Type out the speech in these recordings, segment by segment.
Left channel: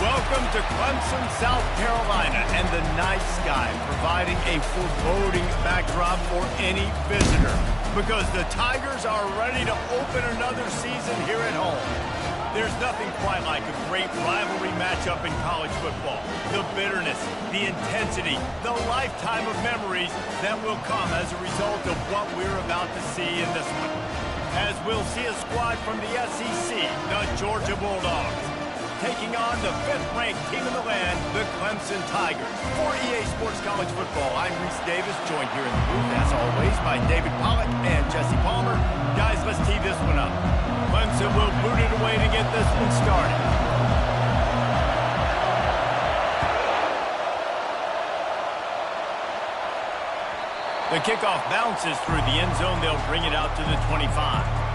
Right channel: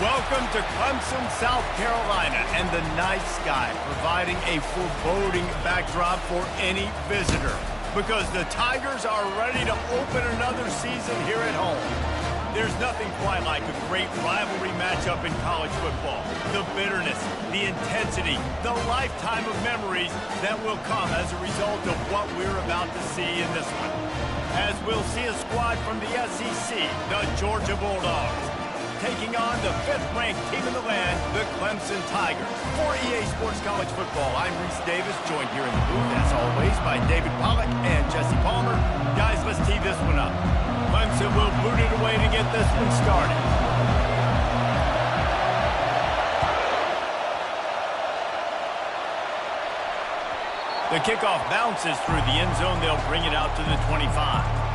Welcome to Clemson, South Carolina, and the night sky providing a foreboding backdrop for any visitor because the Tigers are ready to open another season here at home. There's nothing quite like a great rivalry matchup in college football. The bitterness, the intensity, the lifetime of memories that will come as a result of what we're about to see in this one. As we'll see a squad from the SEC, the Georgia Bulldogs, taking on the 5th-ranked team in the land, the Clemson Tigers. For EA Sports College Football, I'm Reese Davis, joined here in the booth, as always, by David Pollack and Jesse Palmer. Guys, let's tee this one up. Clemson will boot it away to get this one started. The kickoff bounces through the end zone. They'll bring it out to the 25.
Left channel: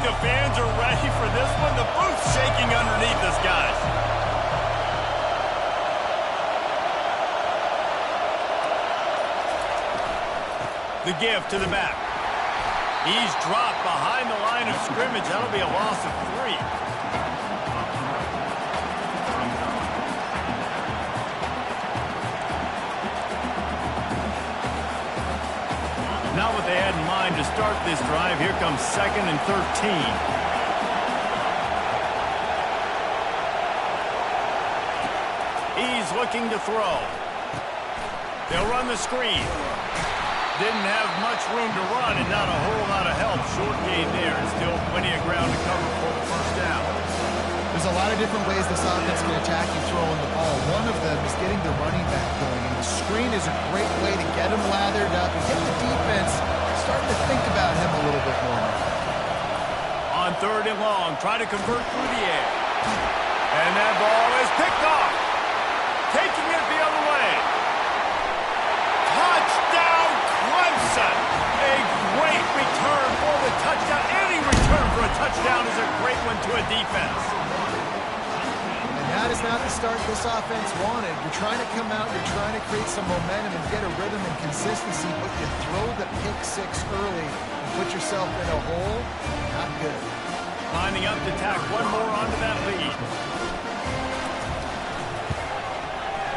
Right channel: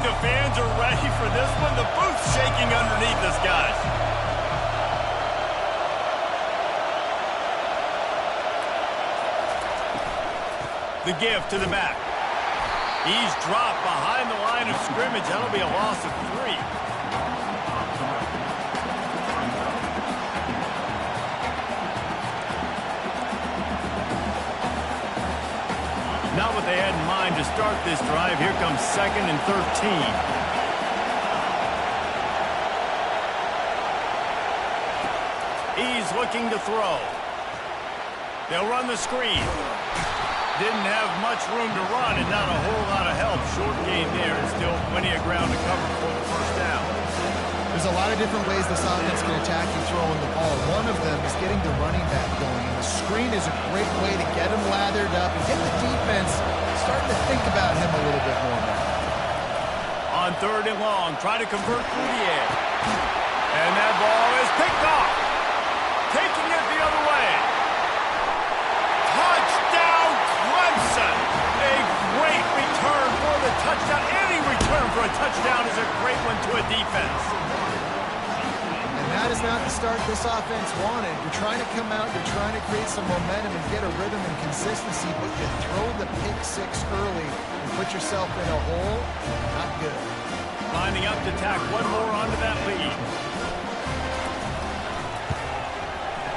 The fans are ready for this one. The booth's shaking underneath us, guys. The give to the back. He's dropped behind the line of scrimmage. That'll be a loss of 3. Not what they had in mind to start this drive. Here comes 2nd and 13. He's looking to throw. They'll run the screen. Didn't have much room to run and not a whole lot of help. Short gain there and still plenty of ground to cover for the first down. There's a lot of different ways this offense can attack you throwing the ball. One of them is getting the running back going, and the screen is a great way to get him lathered up and get the defense starting to think about him a little bit more now. On 3rd and long, try to convert through the air. And that ball is picked off. Taking it the other way. Touchdown, Clemson! A great return for the touchdown. Any return for a touchdown is a great one to a defense. That is not the start this offense wanted. You're trying to come out, you're trying to create some momentum and get a rhythm and consistency, but you throw the pick 6 early and put yourself in a hole. Not good. Lining up to tack one more onto that lead.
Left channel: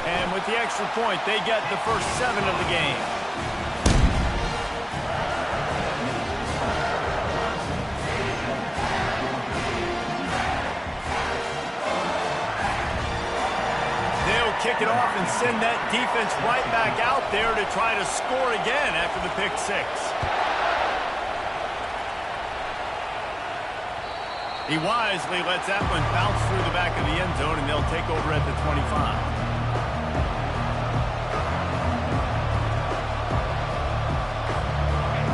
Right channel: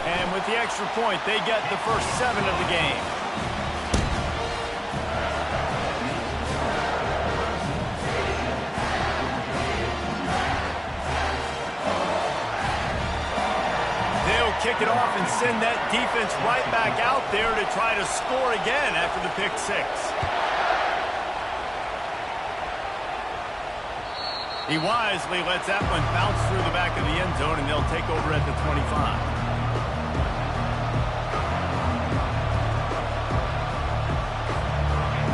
And with the extra point, they get the first 7 of the game. Kick it off and send that defense right back out there to try to score again after the pick 6. He wisely lets that one bounce through the back of the end zone, and they'll take over at the 25.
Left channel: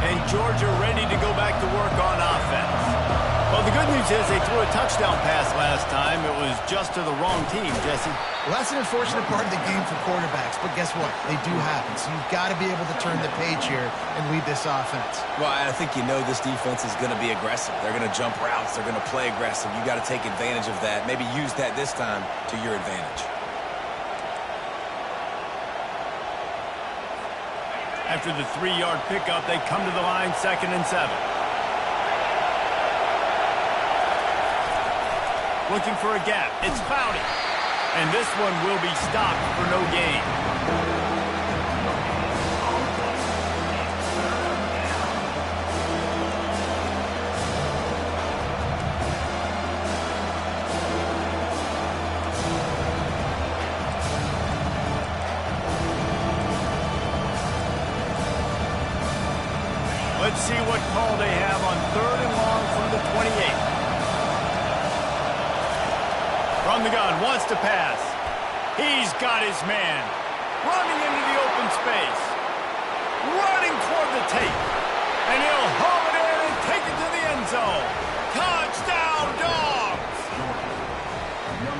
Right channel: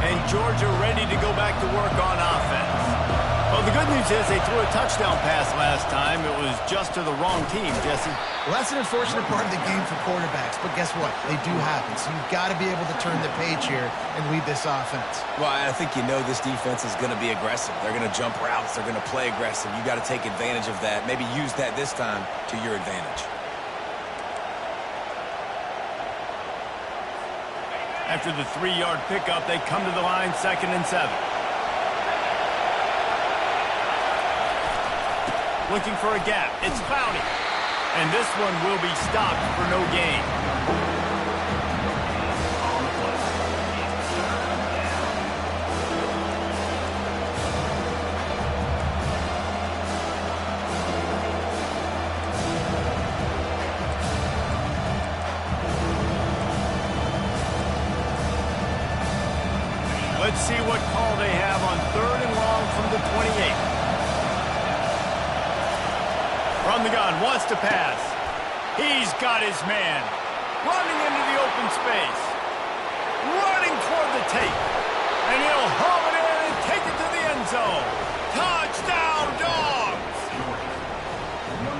And Georgia ready to go back to work on offense. Well, the good news is they threw a touchdown pass last time. It was just to the wrong team, Jesse. Well, that's an unfortunate part of the game for quarterbacks, but guess what? They do happen, so you've got to be able to turn the page here and lead this offense. Well, I think you know this defense is going to be aggressive. They're going to jump routes. They're going to play aggressive. You got to take advantage of that. Maybe use that this time to your advantage. After the 3-yard pickup, they come to the line, 2nd and 7. Looking for a gap. It's Clowney. And this one will be stopped for no gain. Let's see what call they have on 3rd and long from the 28. From the gun, wants to pass. He's got his man. Running into the open space. Running toward the tape. And he'll haul it in and take it to the end zone. Touchdown, Dogs!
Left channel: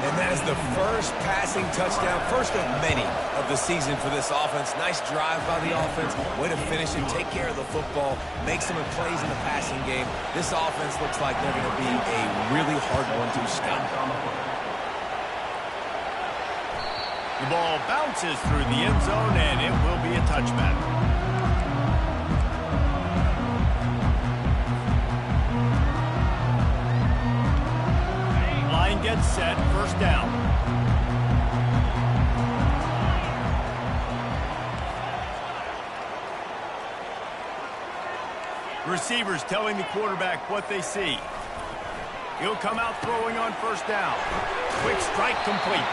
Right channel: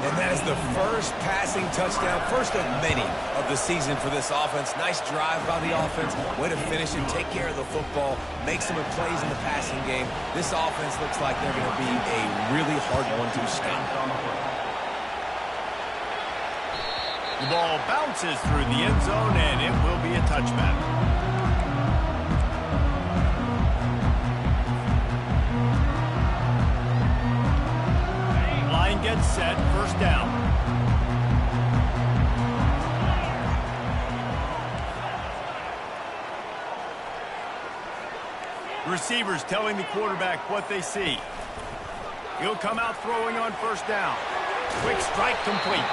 And that is the first passing touchdown, first of many of the season for this offense. Nice drive by the offense. Way to finish it, take care of the football, make some plays in the passing game. This offense looks like they're going to be a really hard one to stop. The ball bounces through the end zone, and it will be a touchback. Line gets set, first down. Receivers telling the quarterback what they see. He'll come out throwing on first down. Quick strike complete.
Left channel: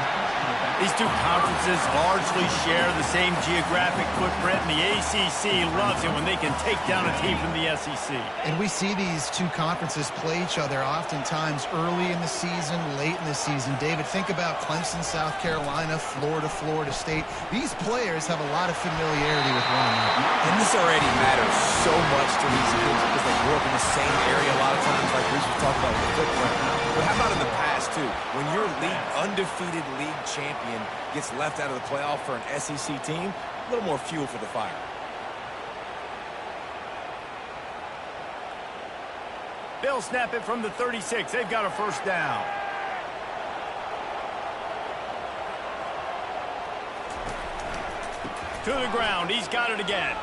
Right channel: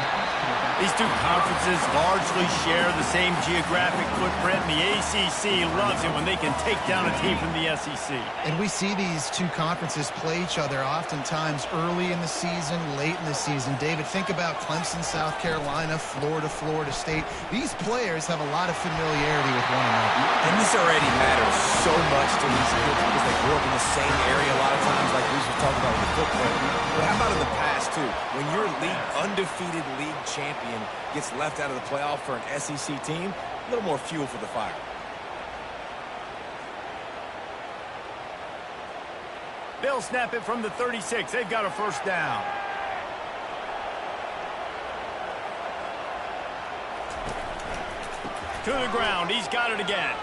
These two conferences largely share the same geographic footprint, and the ACC loves it when they can take down a team from the SEC. And we see these two conferences play each other oftentimes early in the season, late in the season. David, think about Clemson, South Carolina, Florida, Florida State. These players have a lot of familiarity with one another. And this already matters so much to these kids because they grew up in the same area a lot of times, like Reese was talking about with the footprint. But how about in the past, too? When your undefeated league champion gets left out of the playoff for an SEC team, a little more fuel for the fire. They'll snap it from the 36. They've got a first down. To the ground. He's got it again.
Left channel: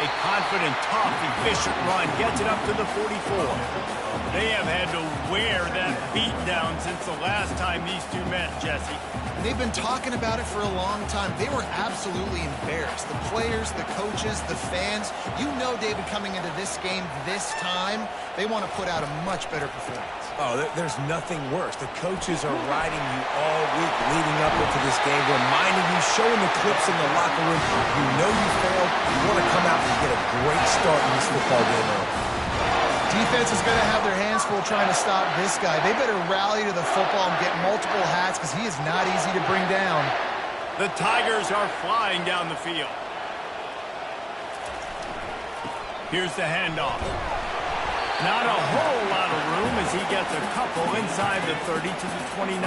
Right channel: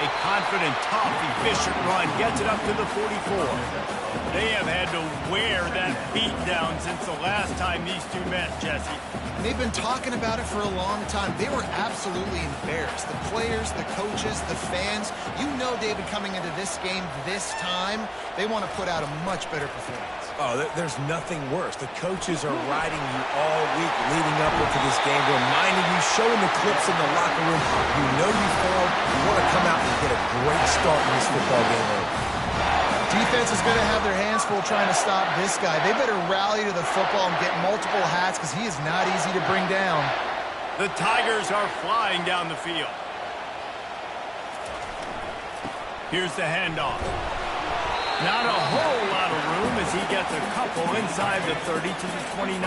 A confident, tough, efficient run gets it up to the 44. They have had to wear that beat down since the last time these two met, Jesse. And they've been talking about it for a long time. They were absolutely embarrassed. The players, the coaches, the fans. You know, David, coming into this game this time, they want to put out a much better performance. Oh, there's nothing worse. The coaches are riding you all week leading up into this game, reminding you, showing the clips in the locker room. You know you failed. You want to come out and get a great start in this football game early. Defense is going to have their hands full trying to stop this guy. They better rally to the football and get multiple hats because he is not easy to bring down. The Tigers are flying down the field. Here's the handoff. Not a whole lot of room as he gets a couple inside the 30 to the 29.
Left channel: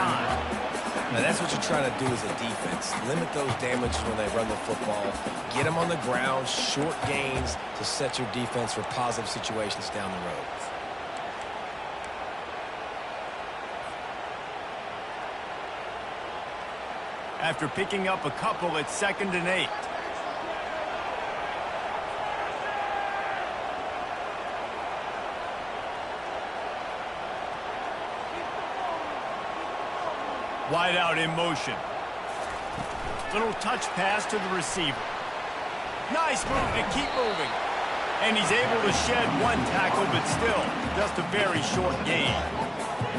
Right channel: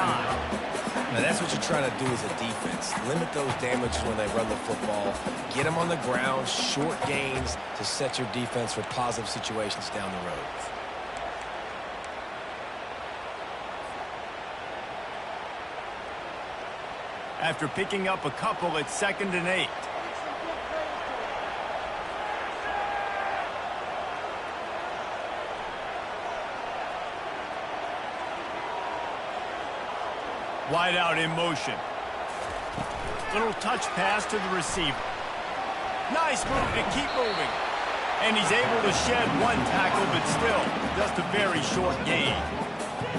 Now, that's what you're trying to do as a defense. Limit those damages when they run the football. Get them on the ground, short gains to set your defense for positive situations down the road. After picking up a couple, it's 2nd and 8. Wide out in motion. Little touch pass to the receiver. Nice move to keep moving. And he's able to shed one tackle, but still just a very short gain.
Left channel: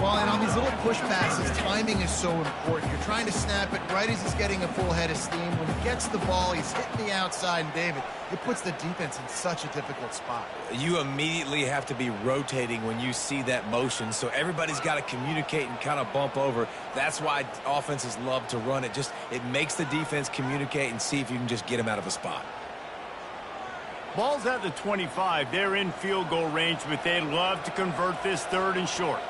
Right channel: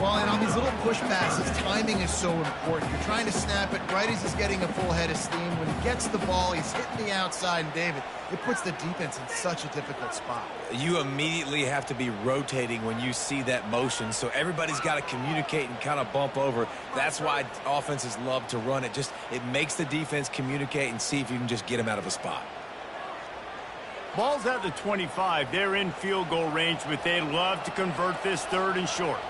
Well, and on these little push passes, timing is so important. You're trying to snap it right as he's getting a full head of steam. When he gets the ball, he's hitting the outside, and David, it puts the defense in such a difficult spot. You immediately have to be rotating when you see that motion, so everybody's got to communicate and kind of bump over. That's why offenses love to run it. It makes the defense communicate and see if you can just get them out of a spot. Ball's at the 25. They're in field goal range, but they'd love to convert this 3rd and short.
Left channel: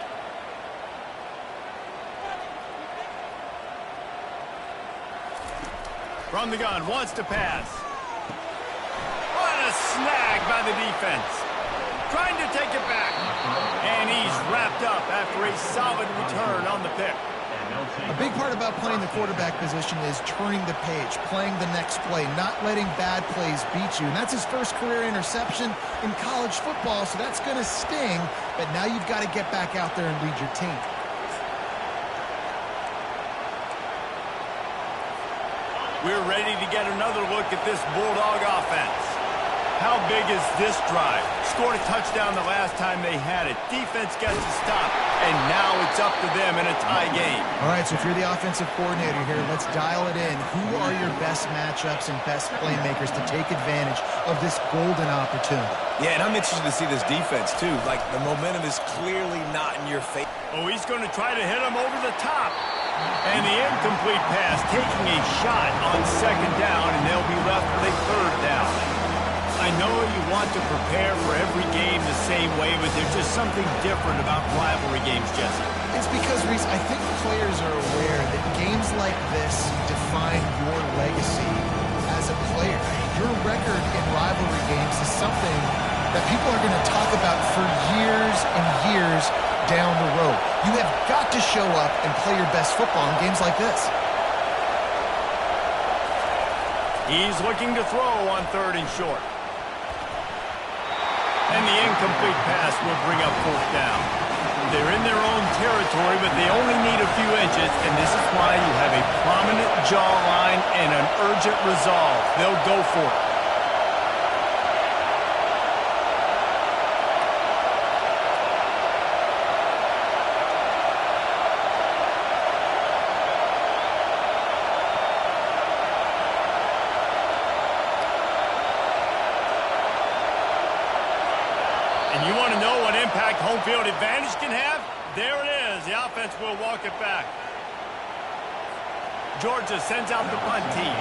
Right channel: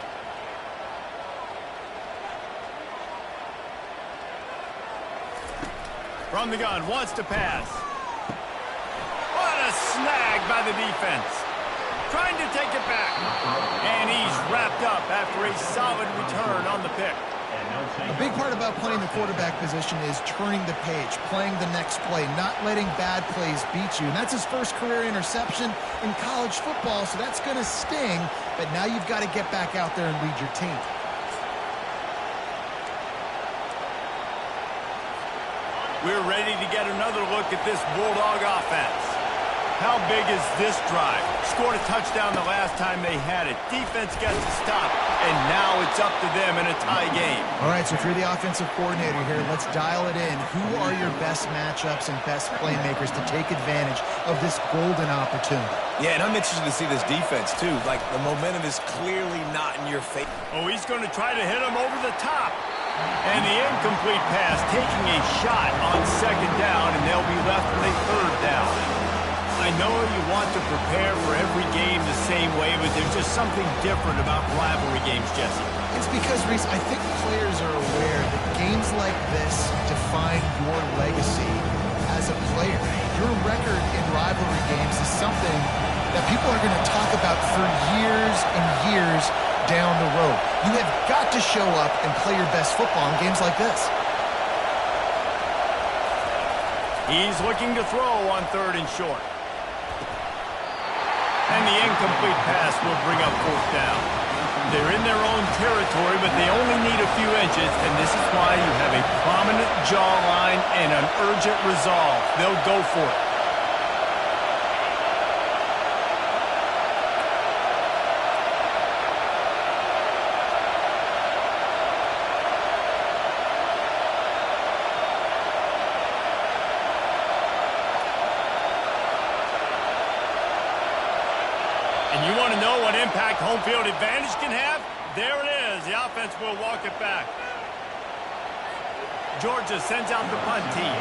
From the gun, wants to pass. What a snag by the defense. Trying to take it back. And he's wrapped up after a solid return on the pick. A big part about playing the quarterback position is turning the page, playing the next play, not letting bad plays beat you. And that's his first career interception in college football, so that's going to sting. But now you've got to get back out there and lead your team. We're ready to get another look at this Bulldog offense. How big is this drive? Scored a touchdown the last time they had it. Defense gets a stop, and now it's up to them in a tie game. All right, so if you're the offensive coordinator here, let's dial it in. Who are your best matchups and best playmakers to take advantage of this golden opportunity? Yeah, and I'm interested to see this defense, too. Like, the momentum is clearly not in your favor. Oh, he's going to try to hit him over the top. And the incomplete pass taking a shot on 2nd down, and they'll be left with a 3rd down. I know you want to prepare for every game the same way, but there's just something different about rivalry games, Jesse. It's because, Reese, I think players are aware that games like this define your legacy as a player. Your record in rivalry games is something that people are going to talk about for years and years down the road. You have got to show up and play your best football in games like this. He's looking to throw on 3rd and short. And the incomplete pass will bring up 4th down. They're in their own territory, but they only need a few inches, and this is why you have a prominent jawline and an urgent resolve. They'll go for it. And you want to know what impact home field advantage can have? There it is. The offense will walk it back. Georgia sends out the punt team.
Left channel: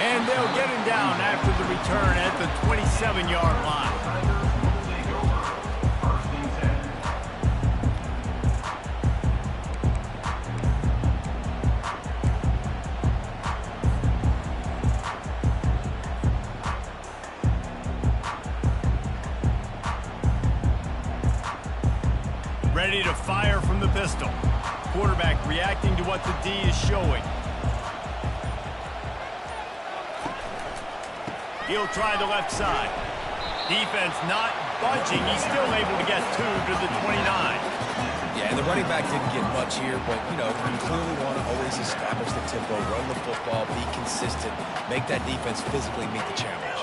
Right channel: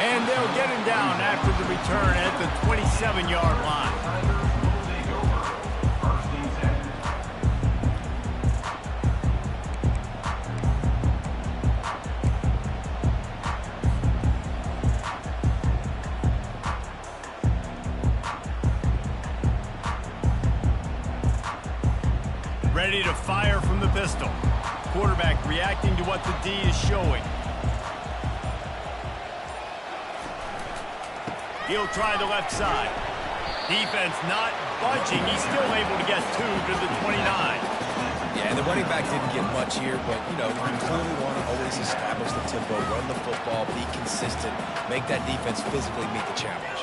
And they'll get him down after the return at the 27-yard line. Ready to fire from the pistol. Quarterback reacting to what the D is showing. He'll try the left side. Defense not budging. He's still able to get 2 to the 29. Yeah, and the running back didn't get much here, but, you know, you clearly want to always establish the tempo, run the football, be consistent, make that defense physically meet the challenge.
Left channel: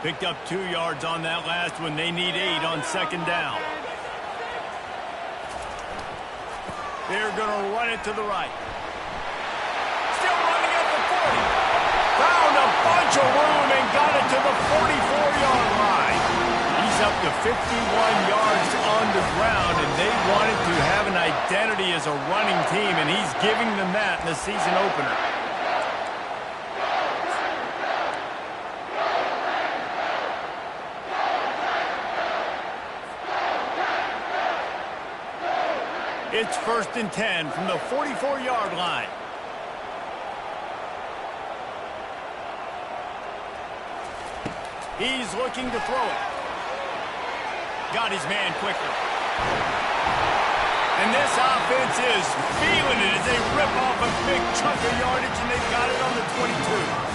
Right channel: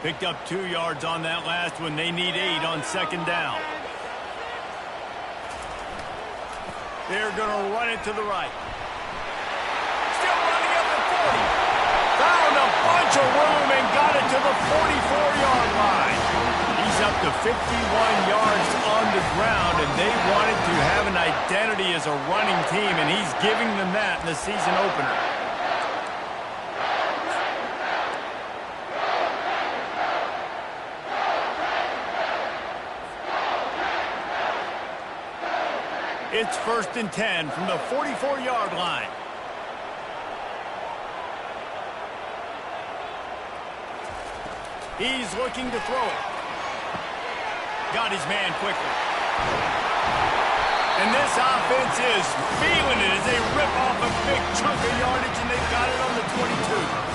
Picked up 2 yards on that last one. They need 8 on 2nd down. They're going to run it to the right. Still running at the 40. Found a bunch of room and got it to the 44-yard line. He's up to 51 yards on the ground, and they wanted to have an identity as a running team, and he's giving them that in the season opener. It's 1st and 10 from the 44-yard line. He's looking to throw it. Got his man quickly. And this offense is feeling it as they rip off a big chunk of yardage, and they've got it on the 22.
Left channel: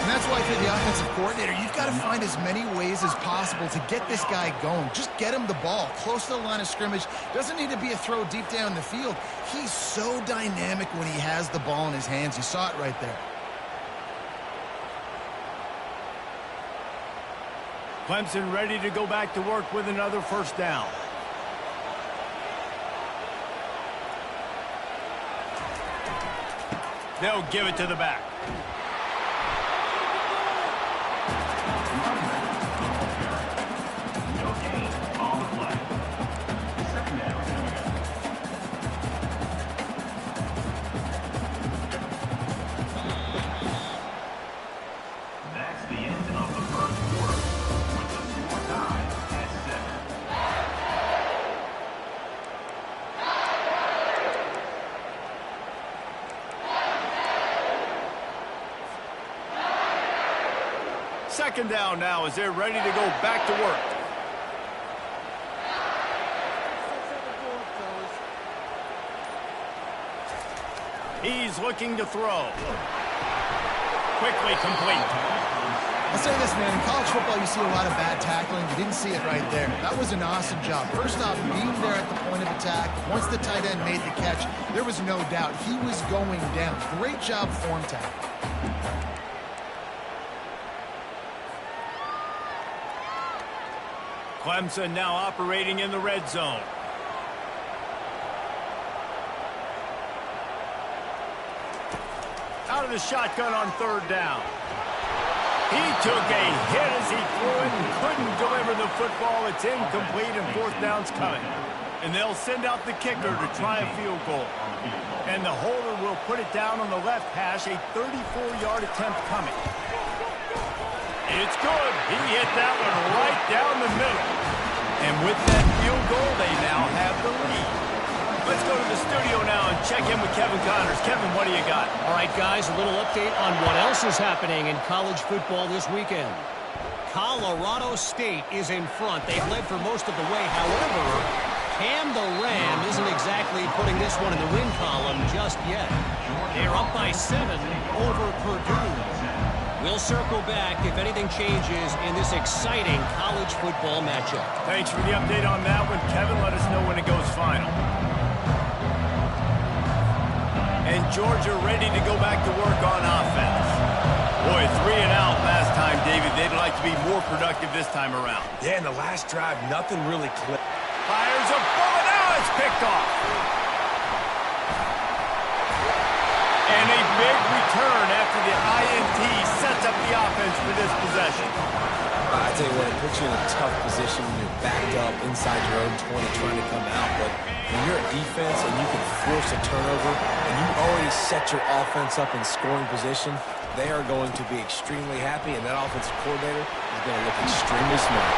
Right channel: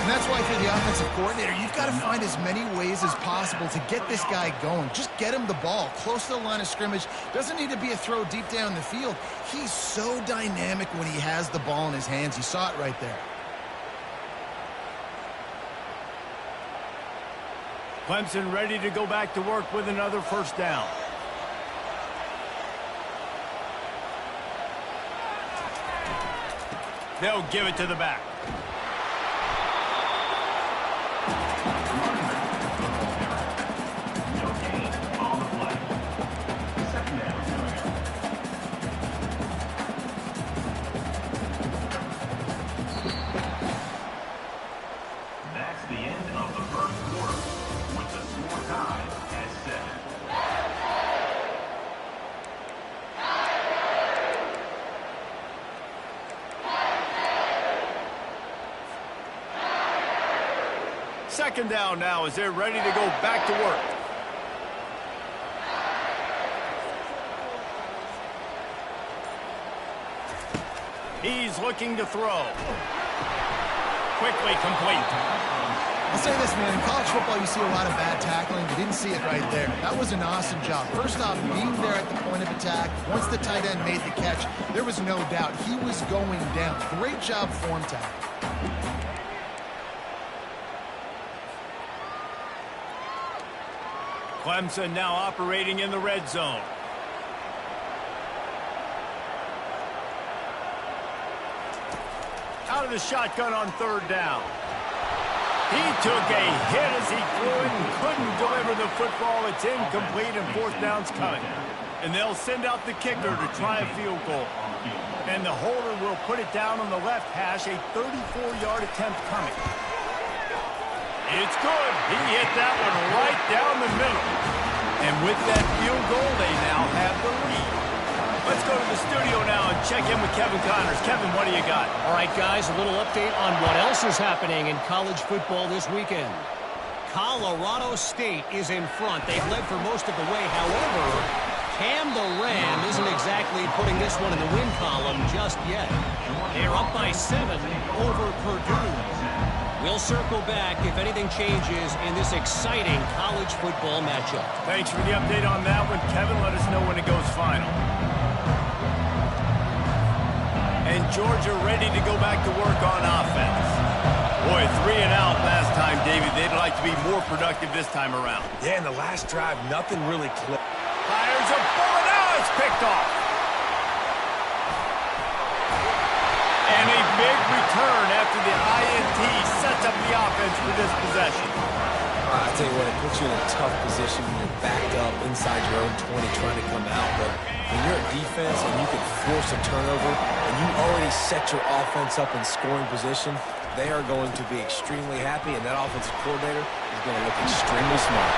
And that's why, if you're the offensive coordinator, you've got to find as many ways as possible to get this guy going. Just get him the ball close to the line of scrimmage. Doesn't need to be a throw deep down the field. He's so dynamic when he has the ball in his hands. You saw it right there. Clemson ready to go back to work with another 1st down. They'll give it to the back. Second down now as they're ready to go back to work. He's looking to throw. Quickly complete. I'll say this, man. In college football, you see a lot of bad tackling. You didn't see it right there. That was an awesome job. First off, being there at the point of attack. Once the tight end made the catch, there was no doubt he was going down. Great job form tackle. Clemson now operating in the red zone. Out of the shotgun on 3rd down. He took a hit as he threw it and couldn't deliver the football. It's incomplete and 4th down's coming. And they'll send out the kicker to try a field goal. And the holder will put it down on the left hash, a 34-yard attempt coming. It's good. He hit that one right down the middle. And with that field goal, they now have the lead. Let's go to the studio now and check in with Kevin Connors. Kevin, what do you got? All right, guys, a little update on what else is happening in college football this weekend. Colorado State is in front. They've led for most of the way. However, Cam the Ram isn't exactly putting this one in the win column just yet. They're up by 7 over Purdue. We'll circle back if anything changes in this exciting college football matchup. Thanks for the update on that one. Kevin, let us know when it goes final. And Georgia ready to go back to work on offense. Boy, 3 and out last time, David. They'd like to be more productive this time around. Yeah, in the last drive, nothing really clicked. Fires a bullet. Now it's picked off. And a big return after the INT sets up the offense for this possession. I tell you what, it puts you in a tough position when you're backed up inside your own 20 trying to come out. But when you're a defense and you can force a turnover and you already set your offense up in scoring position, they are going to be extremely happy, and that offensive coordinator is going to look extremely smart.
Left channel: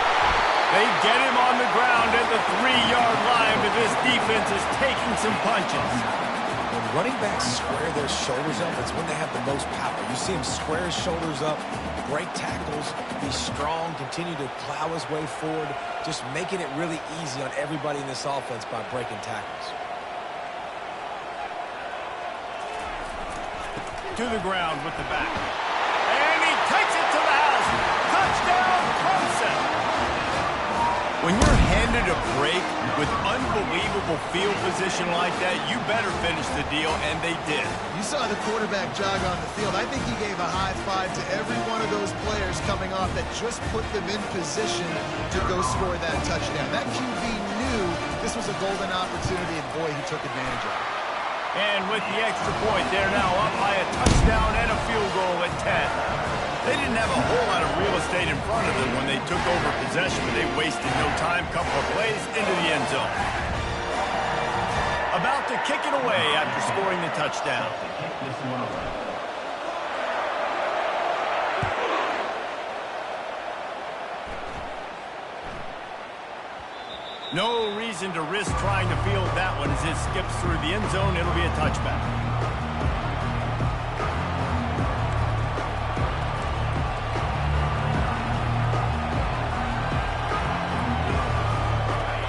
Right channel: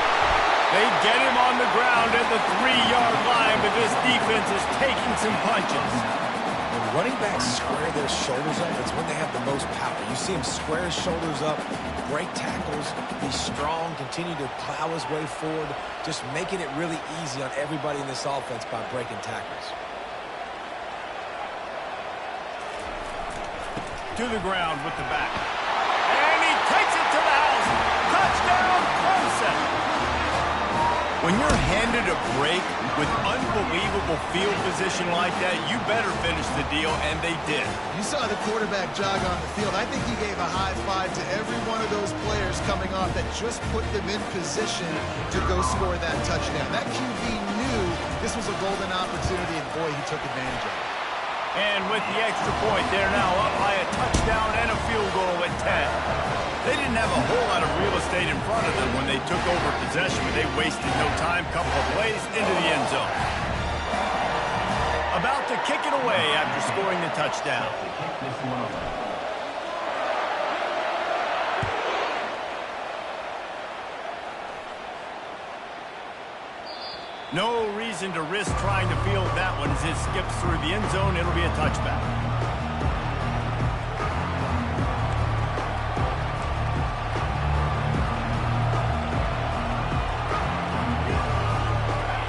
They get him on the ground at the 3-yard line, but this defense is taking some punches. When running backs square their shoulders up, it's when they have the most power. You see him square his shoulders up, break tackles, be strong, continue to plow his way forward, just making it really easy on everybody in this offense by breaking tackles. To the ground with the back. And he takes it to the house. Touchdown, Clemson. When you're handed a break with unbelievable field position like that, you better finish the deal, and they did. You saw the quarterback jog on the field. I think he gave a high five to every one of those players coming off that just put them in position to go score that touchdown. That QB knew this was a golden opportunity, and boy, he took advantage of it. And with the extra point, they're now up by a touchdown and a field goal at 10. They didn't have a whole lot of real estate in front of them when they took over possession, but they wasted no time. Couple of plays into the end zone. About to kick it away after scoring the touchdown. No reason to risk trying to field that one as it skips through the end zone. It'll be a touchback.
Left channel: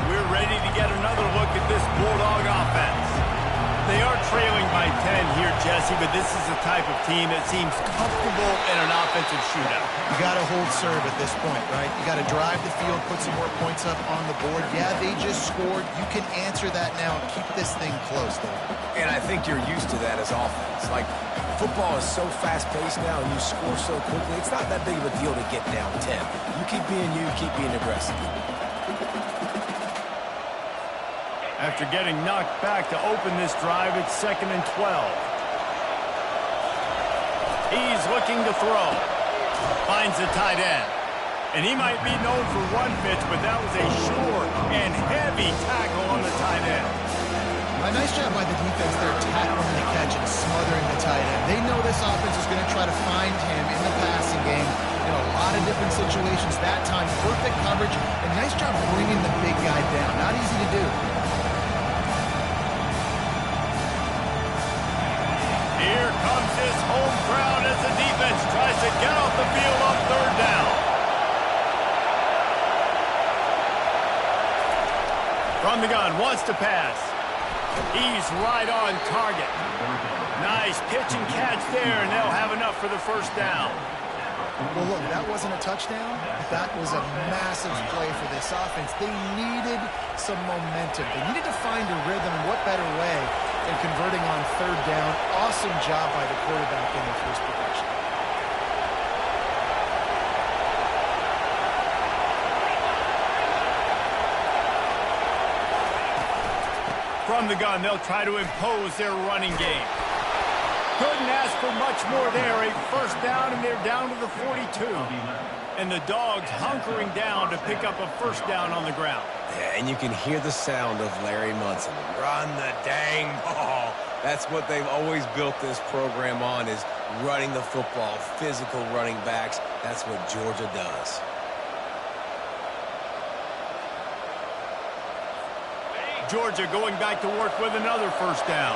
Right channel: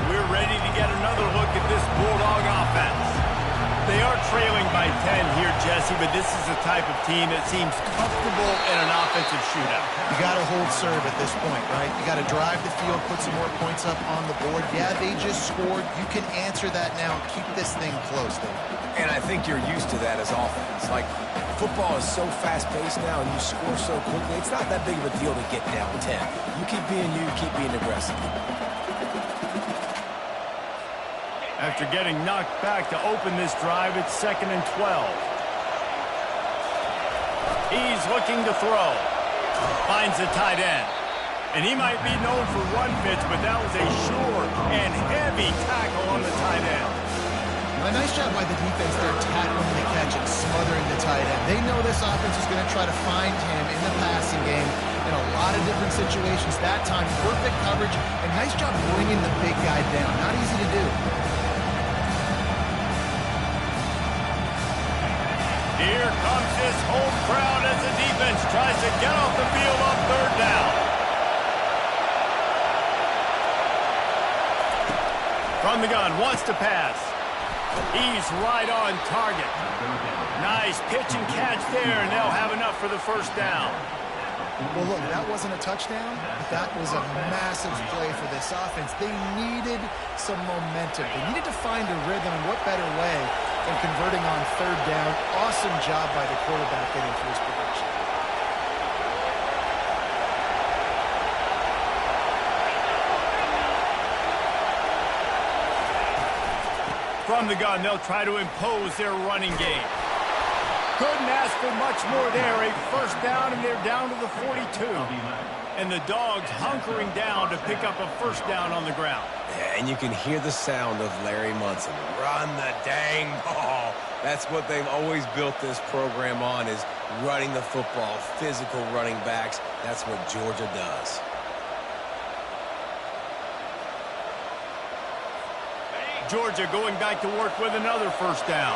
We're ready to get another look at this Bulldog offense. They are trailing by 10 here, Jesse, but this is the type of team that seems comfortable in an offensive shootout. You got to hold serve at this point, right? You got to drive the field, put some more points up on the board. Yeah, they just scored. You can answer that now and keep this thing close, though. And I think you're used to that as offense. Like, football is so fast-paced now and you score so quickly, it's not that big of a deal to get down 10. You keep being you, keep being aggressive. After getting knocked back to open this drive, it's 2nd and 12. He's looking to throw. Finds the tight end. And he might be known for one pitch, but that was a sure and heavy tackle on the tight end. A nice job by the defense there, tackling the catch and smothering the tight end. They know this offense is going to try to find him in the passing game in a lot of different situations. That time, perfect coverage, and nice job bringing the big guy down. Not easy to do. Here comes this home crowd as the defense tries to get off the field on 3rd down. From the gun, wants to pass. He's right on target. Nice pitch and catch there, and they'll have enough for the 1st down. Well, look, that wasn't a touchdown, but that was a massive play for this offense. They needed some momentum. They needed to find a rhythm, and what better way than converting on 3rd down. Awesome job by the quarterback getting through his progression. From the gun, they'll try to impose their running game. Couldn't ask for much more there. A 1st down, and they're down to the 42. And the Dogs hunkering down to pick up a 1st down on the ground. Yeah, and you can hear the sound of Larry Munson. Run the dang ball. That's what they've always built this program on, is running the football, physical running backs. That's what Georgia does. Georgia going back to work with another first down.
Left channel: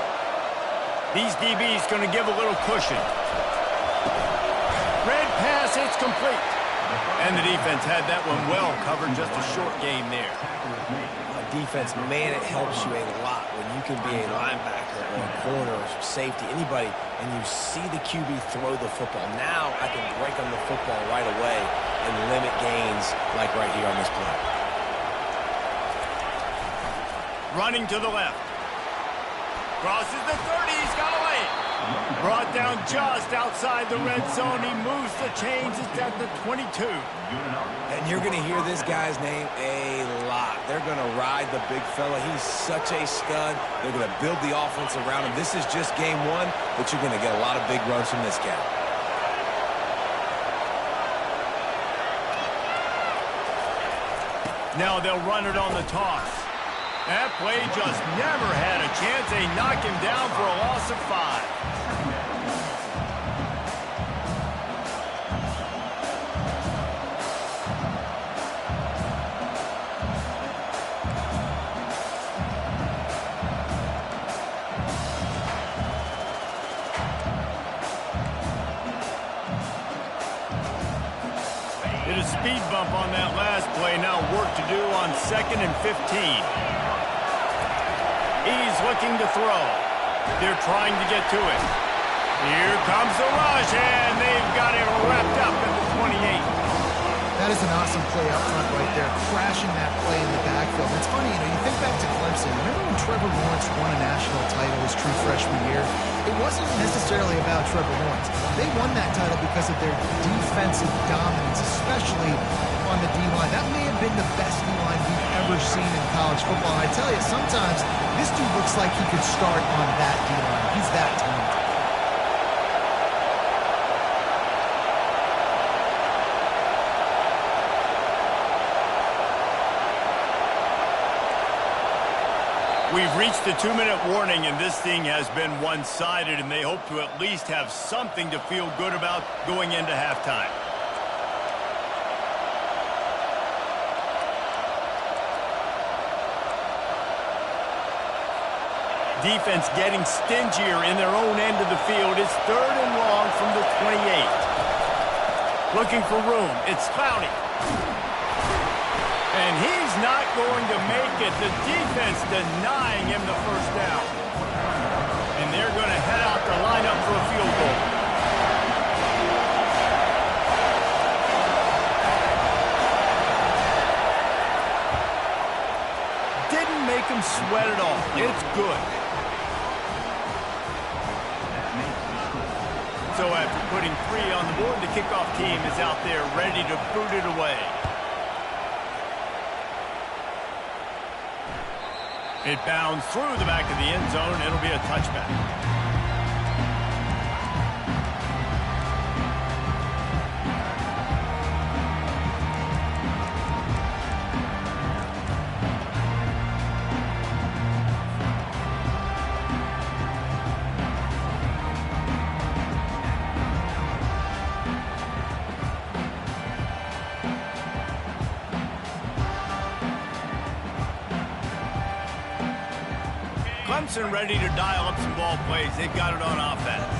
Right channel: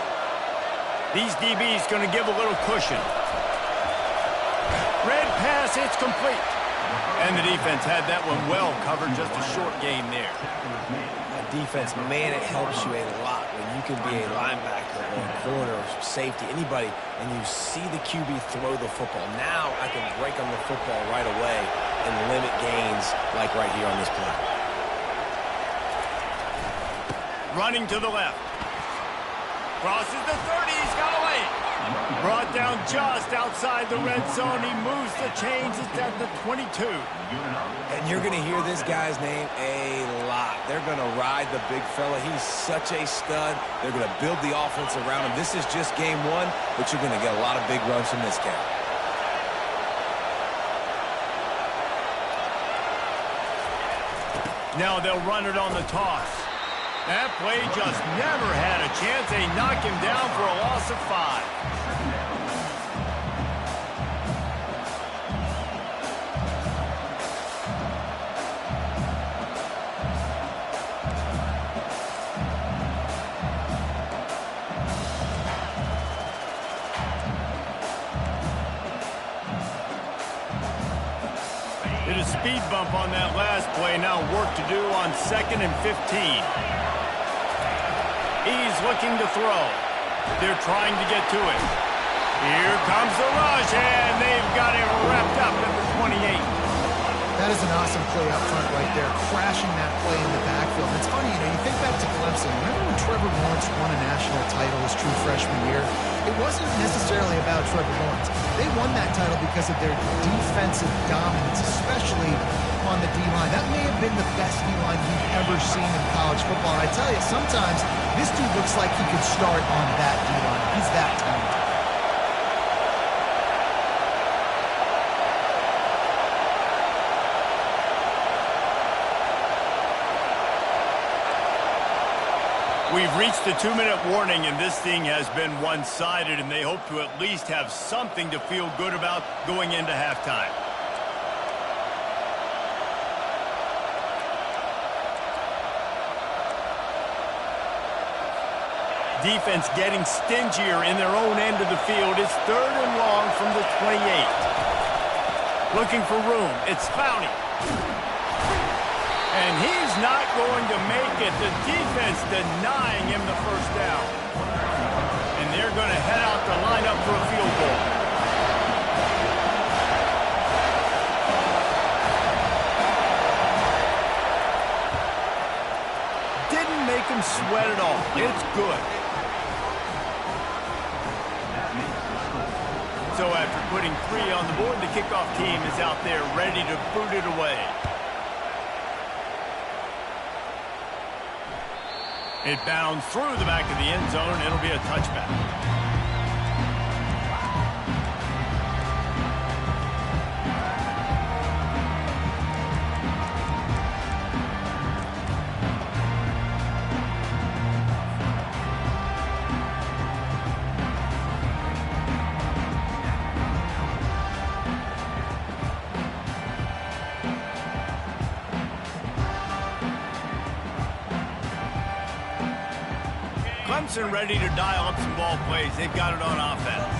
These DBs going to give a little cushion. Red pass, it's complete. And the defense had that one well covered, just a short gain there. Defense, man, it helps you a lot when you can be a linebacker or a corner or safety, anybody, and you see the QB throw the football. Now I can break on the football right away and limit gains like right here on this play. Running to the left. Crosses the 30, he's got away. Brought down just outside the red zone. He moves the chains. It's at the 22. And you're going to hear this guy's name a lot. They're going to ride the big fella. He's such a stud. They're going to build the offense around him. This is just game one, but you're going to get a lot of big runs from this guy. Now they'll run it on the toss. That play just never had a chance. They knock him down for a loss of 5. Did a speed bump on that last play. Now work to do on 2nd and 15. He's looking to throw. They're trying to get to it. Here comes the rush, and they've got him wrapped up at the 28. That is an awesome play up front right there, crashing that play in the backfield. And it's funny, you think back to Clemson. Remember when Trevor Lawrence won a national title his true freshman year? It wasn't necessarily about Trevor Lawrence. They won that title because of their defensive dominance, especially on the D-line. That may have been the best D-line we've ever seen in college football. And I tell you, sometimes this dude looks like he could start on that D-line. He's that talented. We've reached the 2-minute warning, and this thing has been one-sided, and they hope to at least have something to feel good about going into halftime. Defense getting stingier in their own end of the field. It's 3rd and long from the 28. Looking for room. It's Clowney. And he's not going to make it. The defense denying him the first down. And they're going to head out to line up for a field goal. Didn't make him sweat at all. It's good. So after putting 3 on the board, the kickoff team is out there ready to boot it away. It bounds through the back of the end zone. It'll be a touchback. Clemson ready to dial up some ball plays. They've got it on offense.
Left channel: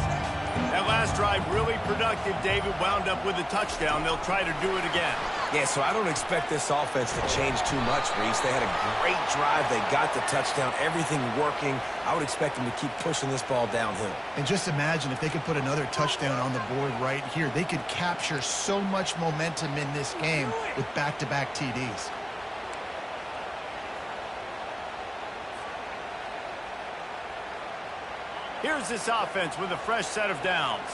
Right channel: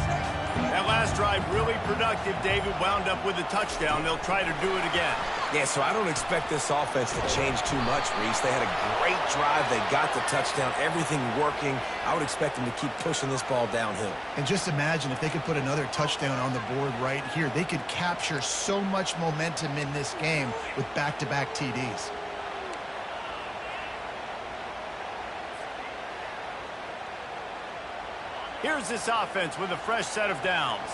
That last drive really productive. David wound up with a touchdown. They'll try to do it again. Yeah, so I don't expect this offense to change too much, Reese. They had a great drive. They got the touchdown. Everything working. I would expect them to keep pushing this ball downhill. And just imagine if they could put another touchdown on the board right here. They could capture so much momentum in this game with back-to-back TDs. Here's this offense with a fresh set of downs.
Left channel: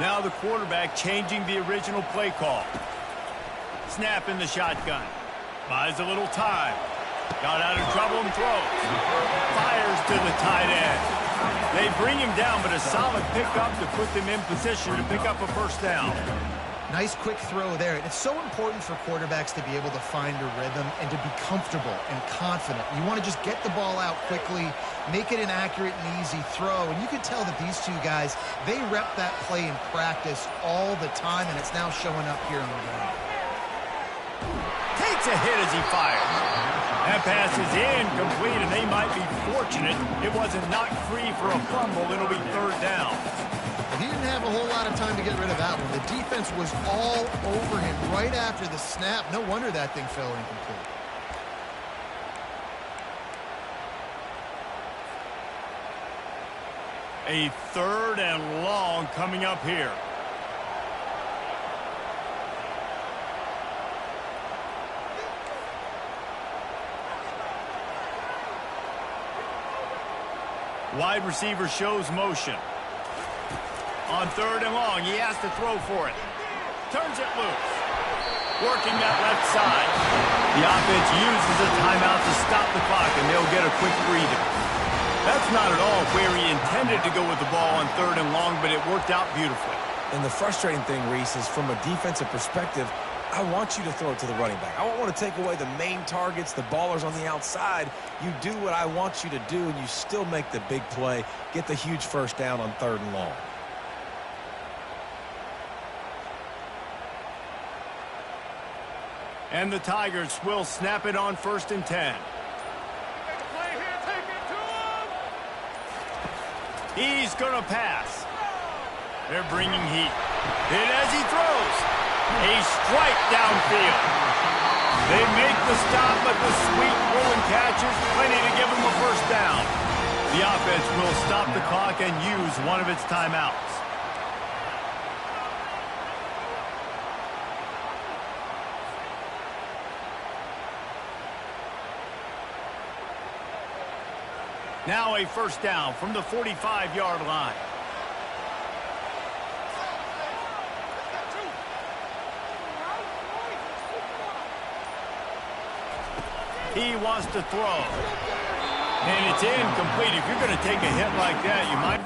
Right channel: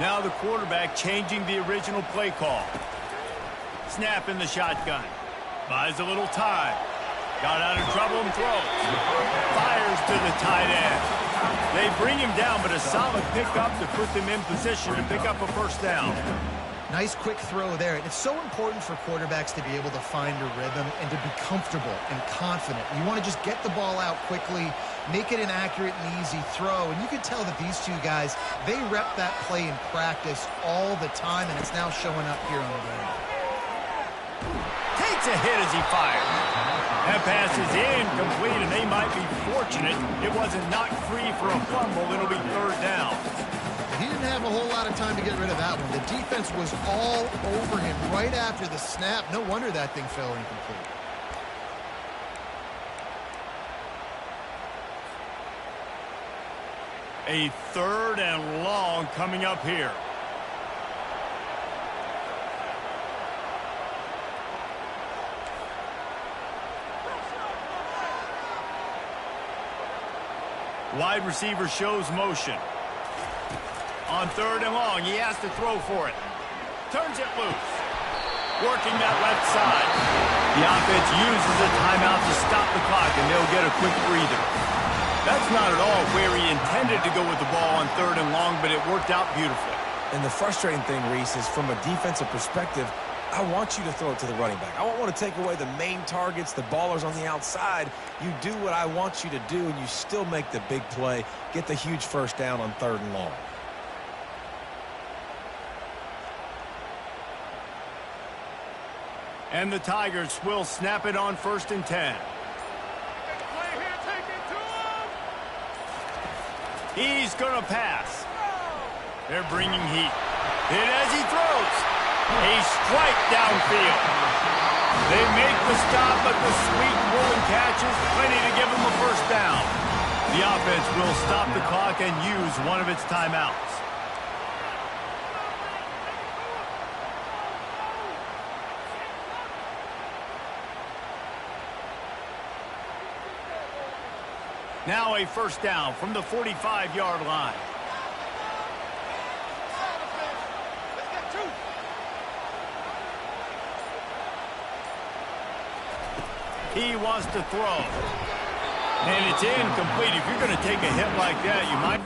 Now the quarterback changing the original play call. Snap in the shotgun. Buys a little time. Got out of trouble and throws. Fires to the tight end. They bring him down, but a solid pickup to put them in position to pick up a first down. Nice quick throw there. And it's so important for quarterbacks to be able to find a rhythm and to be comfortable and confident. You want to just get the ball out quickly, make it an accurate and easy throw. And you can tell that these two guys, they rep that play in practice all the time, and it's now showing up here on the ground. Take takes a hit as he fires. That pass is incomplete, and they might be fortunate it wasn't knocked free for a fumble. It'll be third down. He didn't have a whole lot of time to get rid of that one. The defense was all over him right after the snap. No wonder that thing fell incomplete. A third and long coming up here. Wide receiver shows motion. On third and long, he has to throw for it. Turns it loose. Working that left side. The offense uses a timeout to stop the clock, and they'll get a quick breather. That's not at all where he intended to go with the ball on third and long, but it worked out beautifully. And the frustrating thing, Reese, is from a defensive perspective, I want you to throw it to the running back. I don't want to take away the main targets, the ballers on the outside. You do what I want you to do, and you still make the big play, get the huge first down on third and long. And the Tigers will snap it on 1st and 10. He's going to pass. They're bringing heat. Hit as he throws. A strike downfield. They make the stop, but the sweet rolling catch is plenty to give him a first down. The offense will stop the clock and use one of its timeouts. Now a first down from the 45-yard line. He wants to throw. And it's incomplete. If you're going to take a hit like that, you might...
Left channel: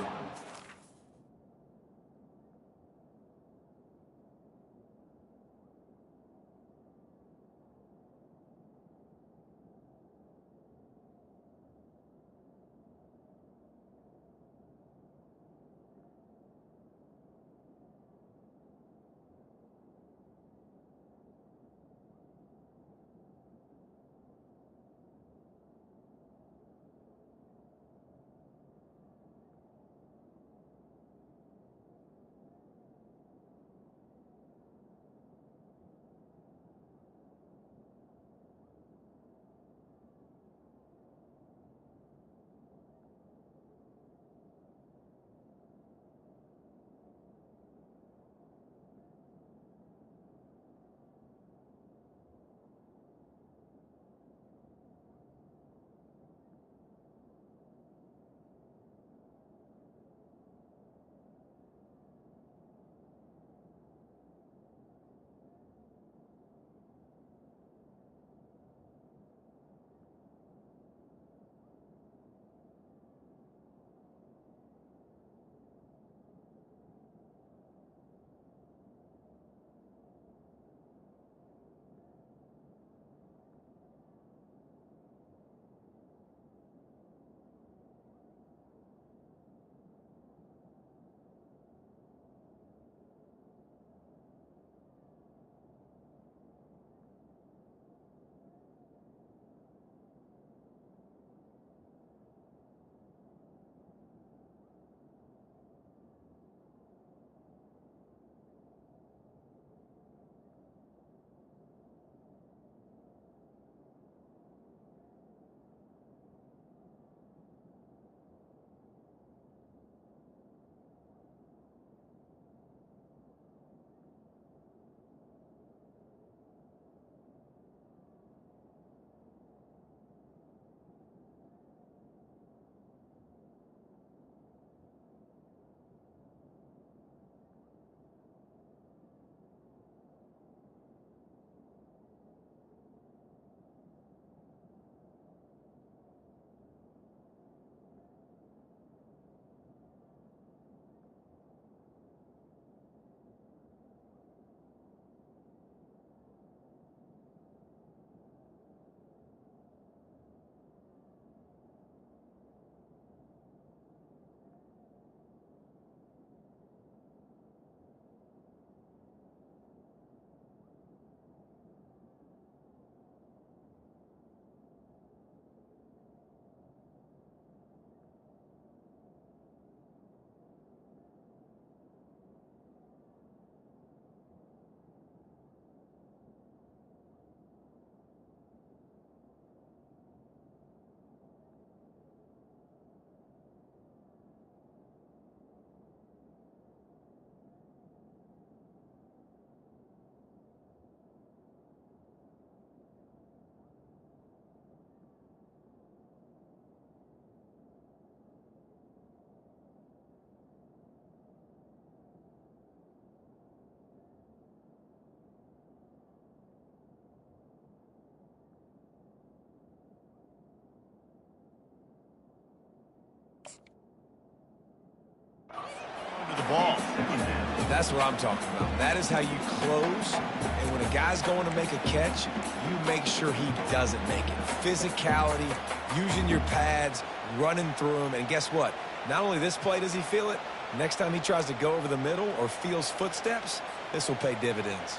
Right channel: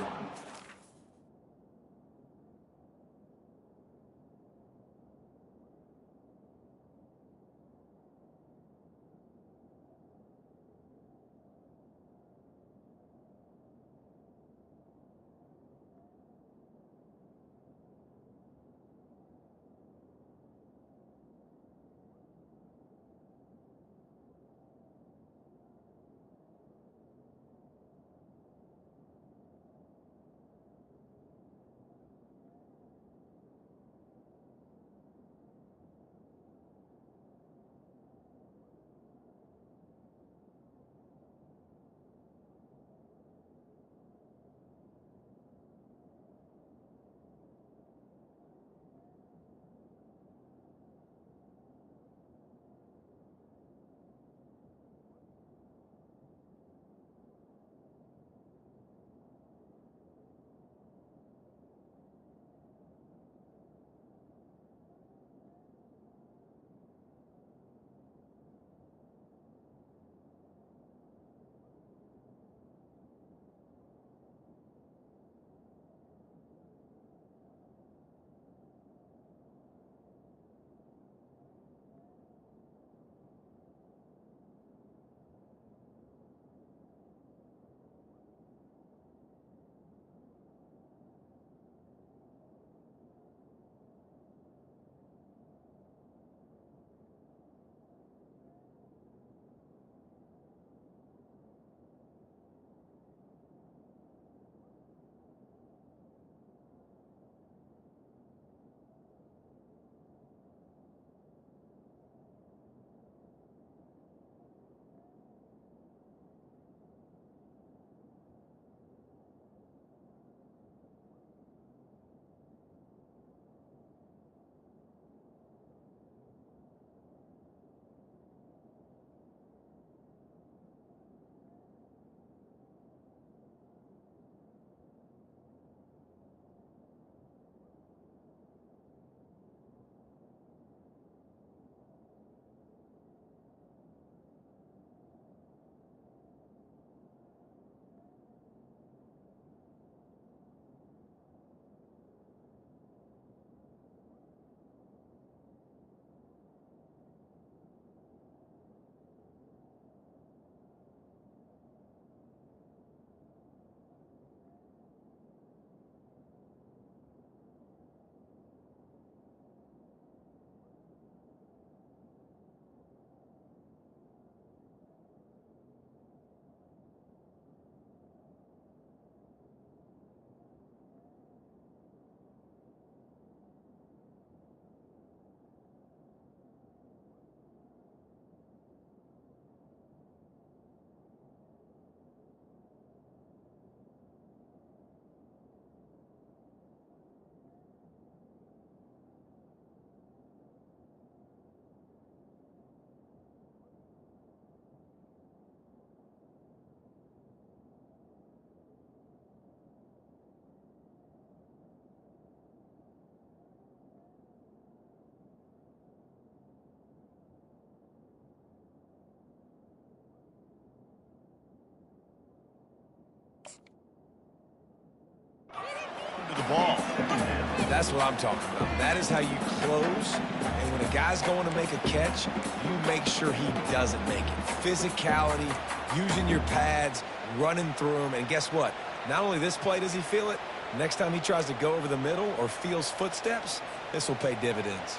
That's what I'm talking about. That is how you close. And when a guy's going to make a catch, you make sure he doesn't make it. Physicality, using your pads, running through them. And guess what? Not only this play does he feel it, next time he tries to go over the middle or feels footsteps, this will pay dividends.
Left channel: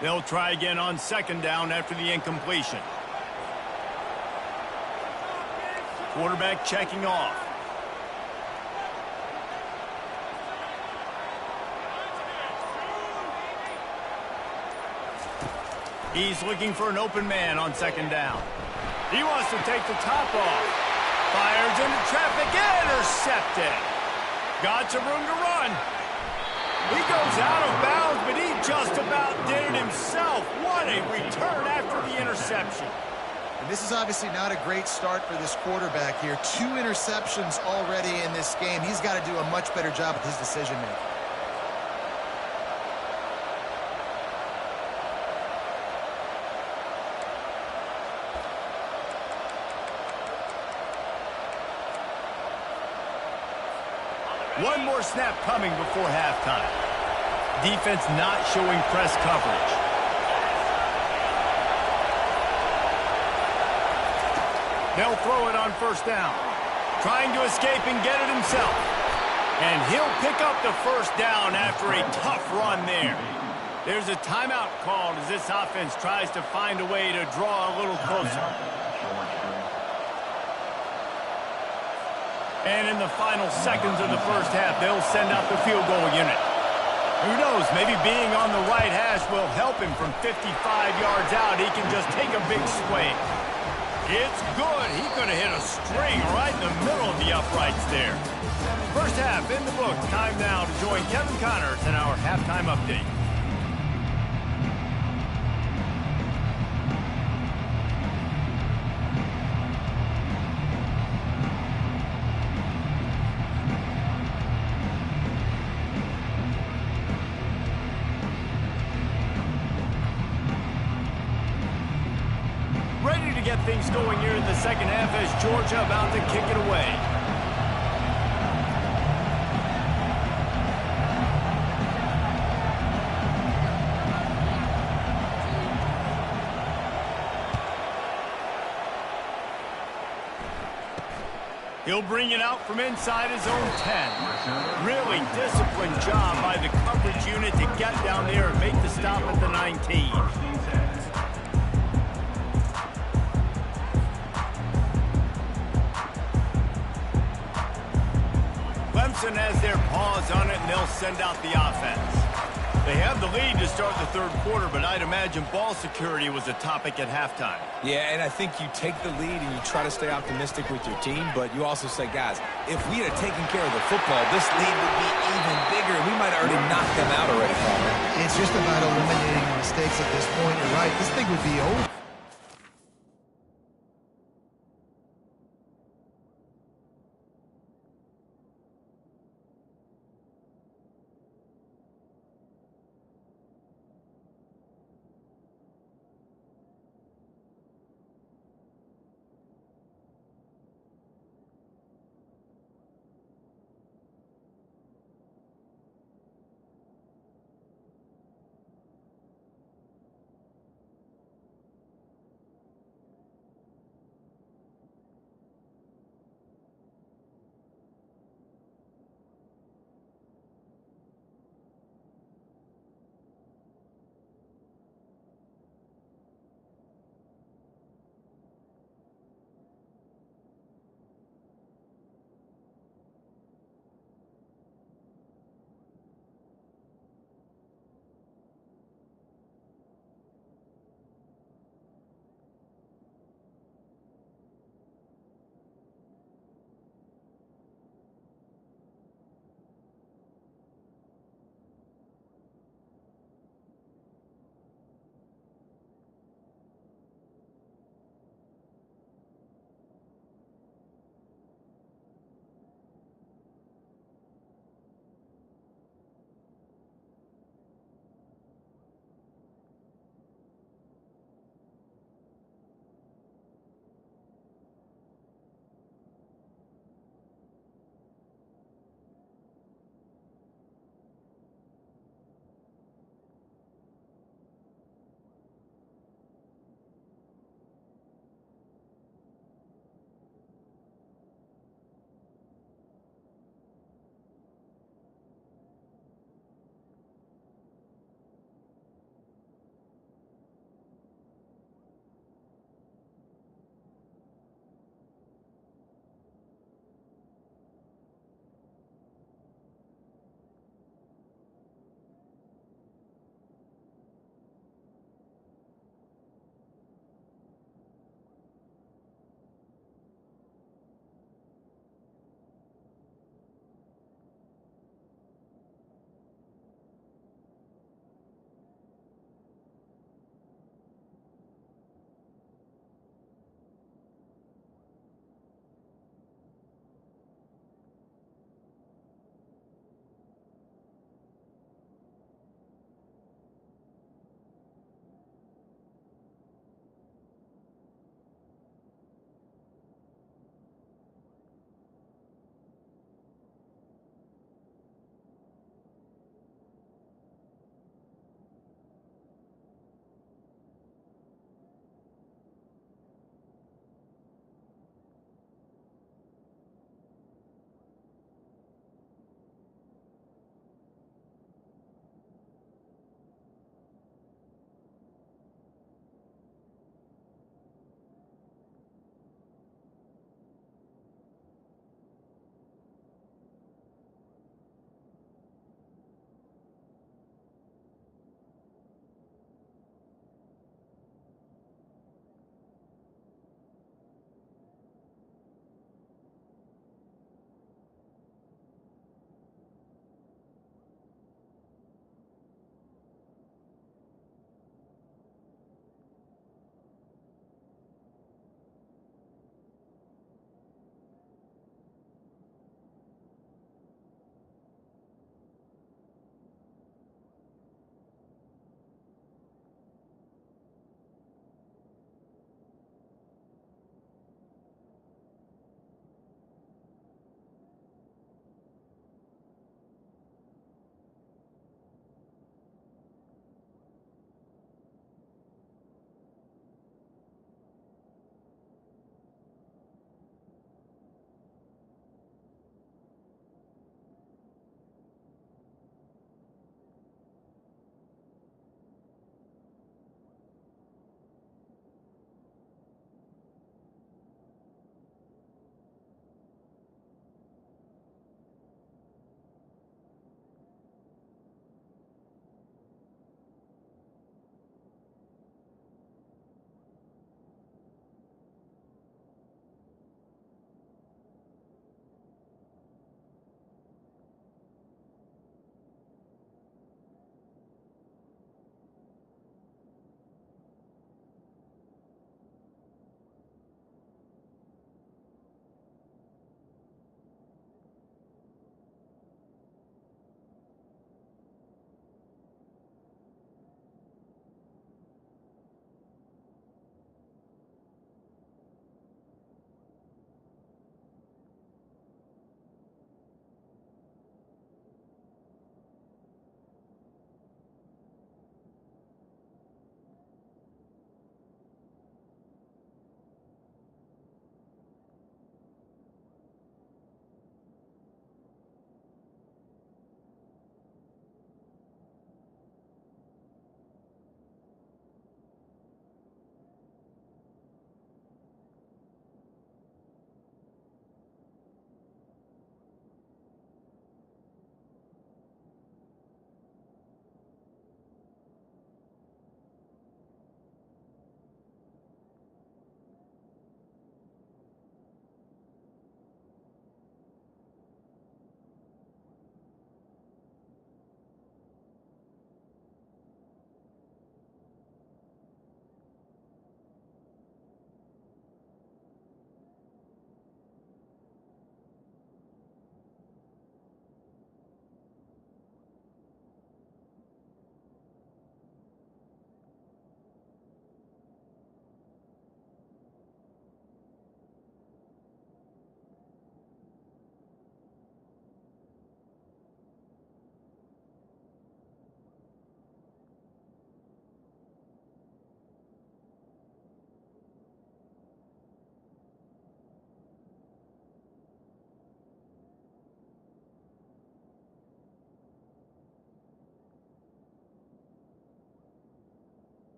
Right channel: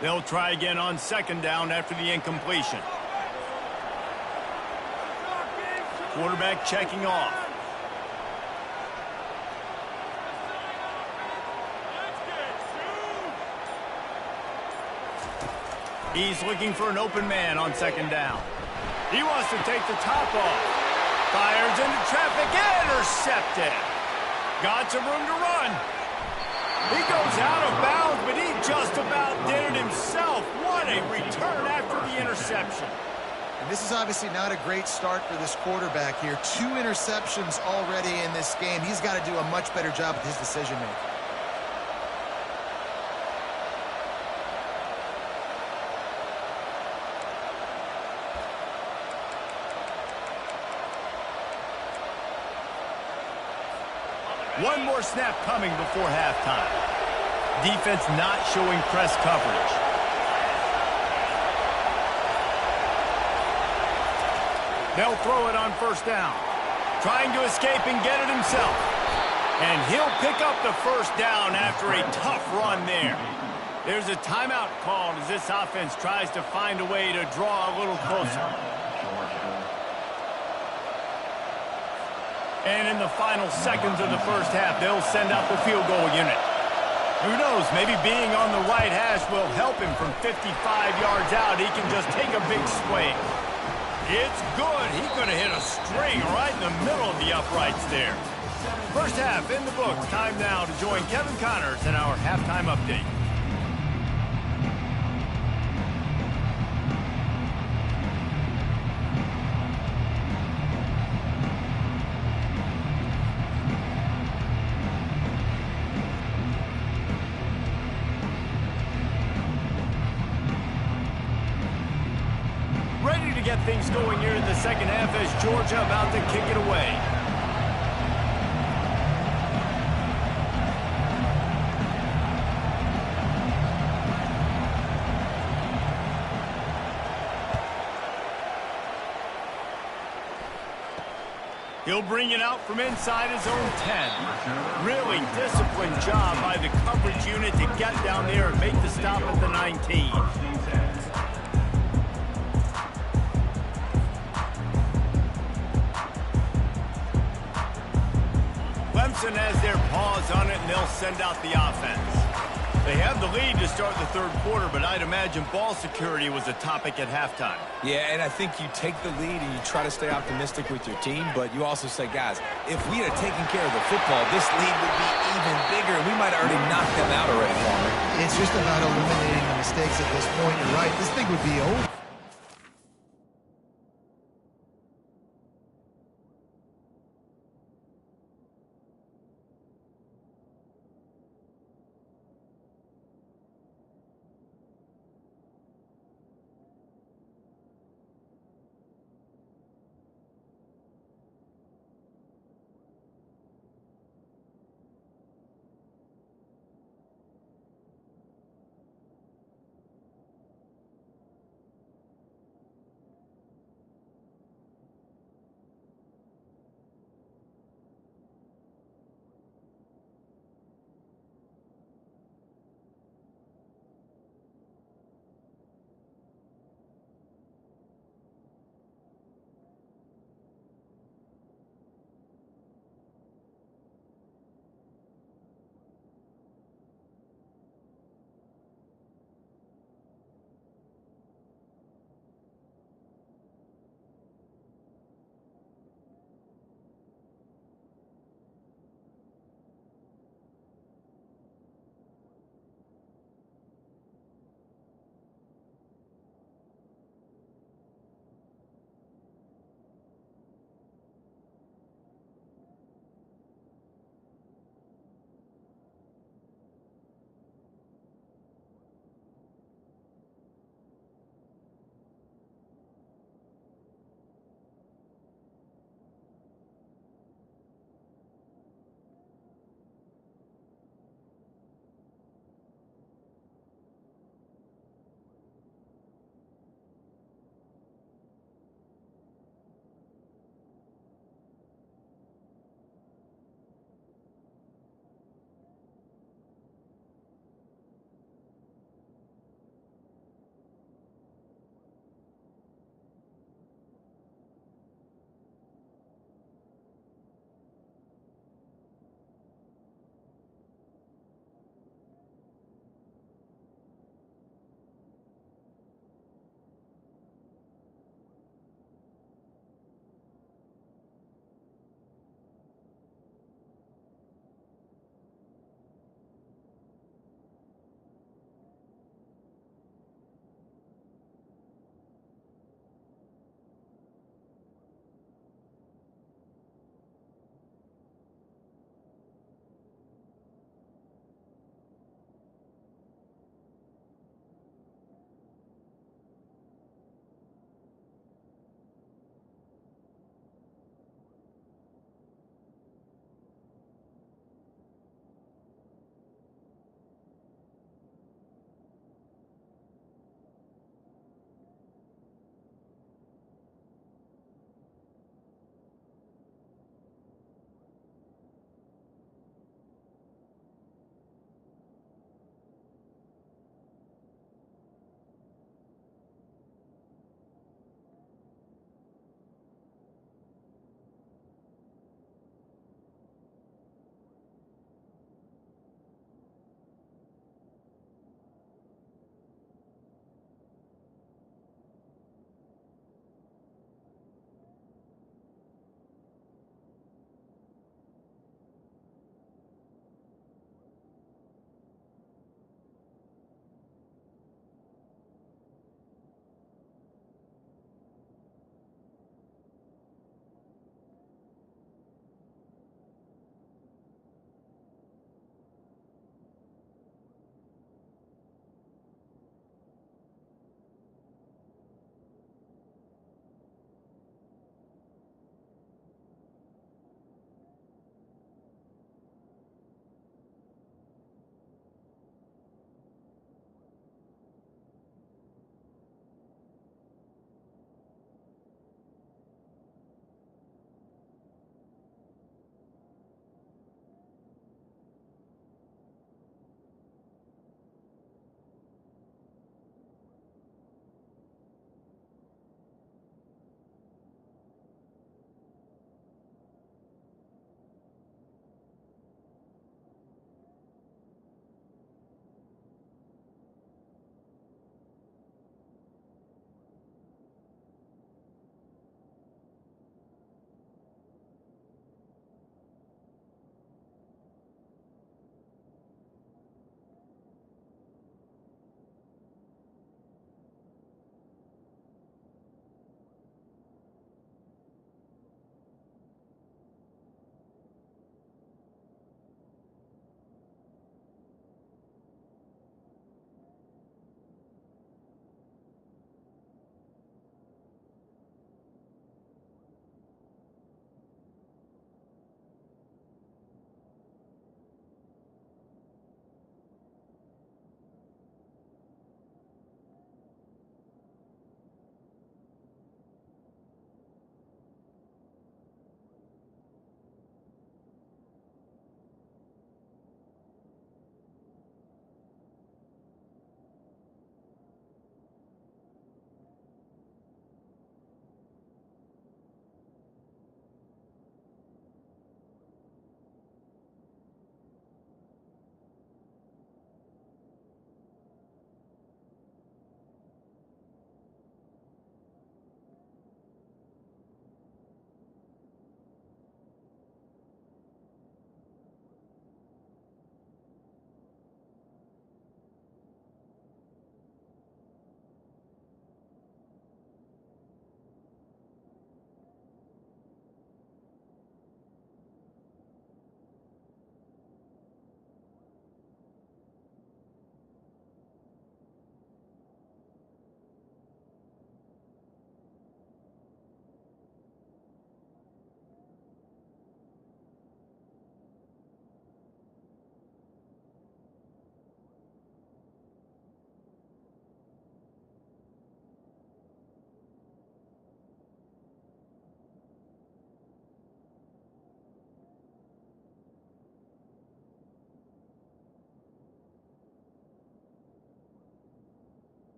They'll try again on second down after the incompletion. Quarterback checking off. He's looking for an open man on second down. He wants to take the top off. Fires into traffic, intercepted. Got some room to run. He goes out of bounds, but he just about did it himself. What a return after the interception. And this is obviously not a great start for this quarterback here. 2 interceptions already in this game. He's got to do a much better job with his decision-making. One more snap coming before halftime. Defense not showing press coverage. They'll throw it on first down. Trying to escape and get it himself. And he'll pick up the first down after a tough run there. There's a timeout called as this offense tries to find a way to draw a little closer. And in the final seconds of the first half, they'll send out the field goal unit. Who knows, maybe being on the right hash will help him from 55 yards out. He can just take a big swing. It's good. He could have hit a string right in the middle of the uprights there. First half in the books. Time now to join Kevin Connors in our halftime update. Ready to get things going here in the second half as Georgia about to kick it away. He'll bring it out from inside his own 10. Really disciplined job by the coverage unit to get down there and make the stop at the 19. Clemson has their paws on it, and they'll send out the offense. They have the lead to start the third quarter, but I'd imagine ball security was a topic at halftime. Yeah, and I think you take the lead and you try to stay optimistic with your team, but you also say, guys, if we had taken care of the football, this lead would be even bigger, and we might have already knocked them out already, Palmer. It's just about eliminating the mistakes at this point. You're right. This thing would be over.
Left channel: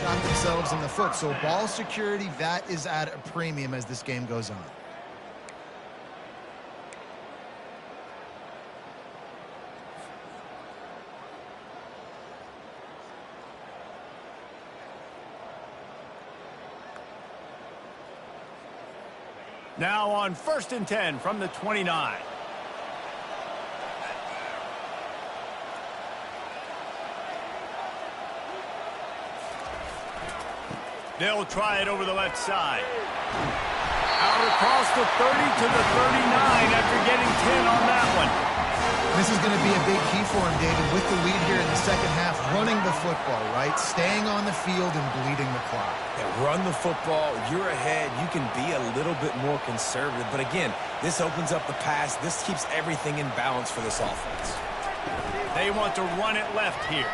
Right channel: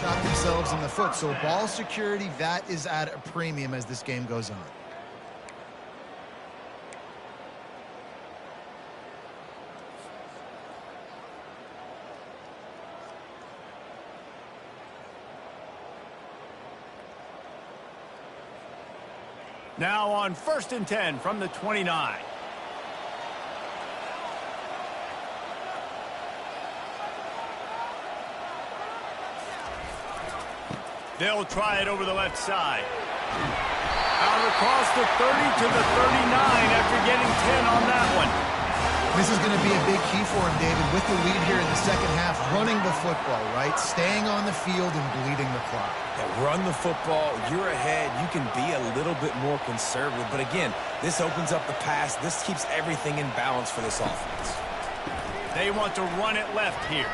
shot themselves in the foot. So ball security, that is at a premium as this game goes on. Now on 1st and 10 from the 29. They'll try it over the left side. Out across the 30 to the 39 after getting 10 on that one. This is going to be a big key for him, David, with the lead here in the second half, running the football, right? Staying on the field and bleeding the clock. Yeah, run the football. You're ahead. You can be a little bit more conservative. But again, this opens up the pass. This keeps everything in balance for this offense. They want to run it left here.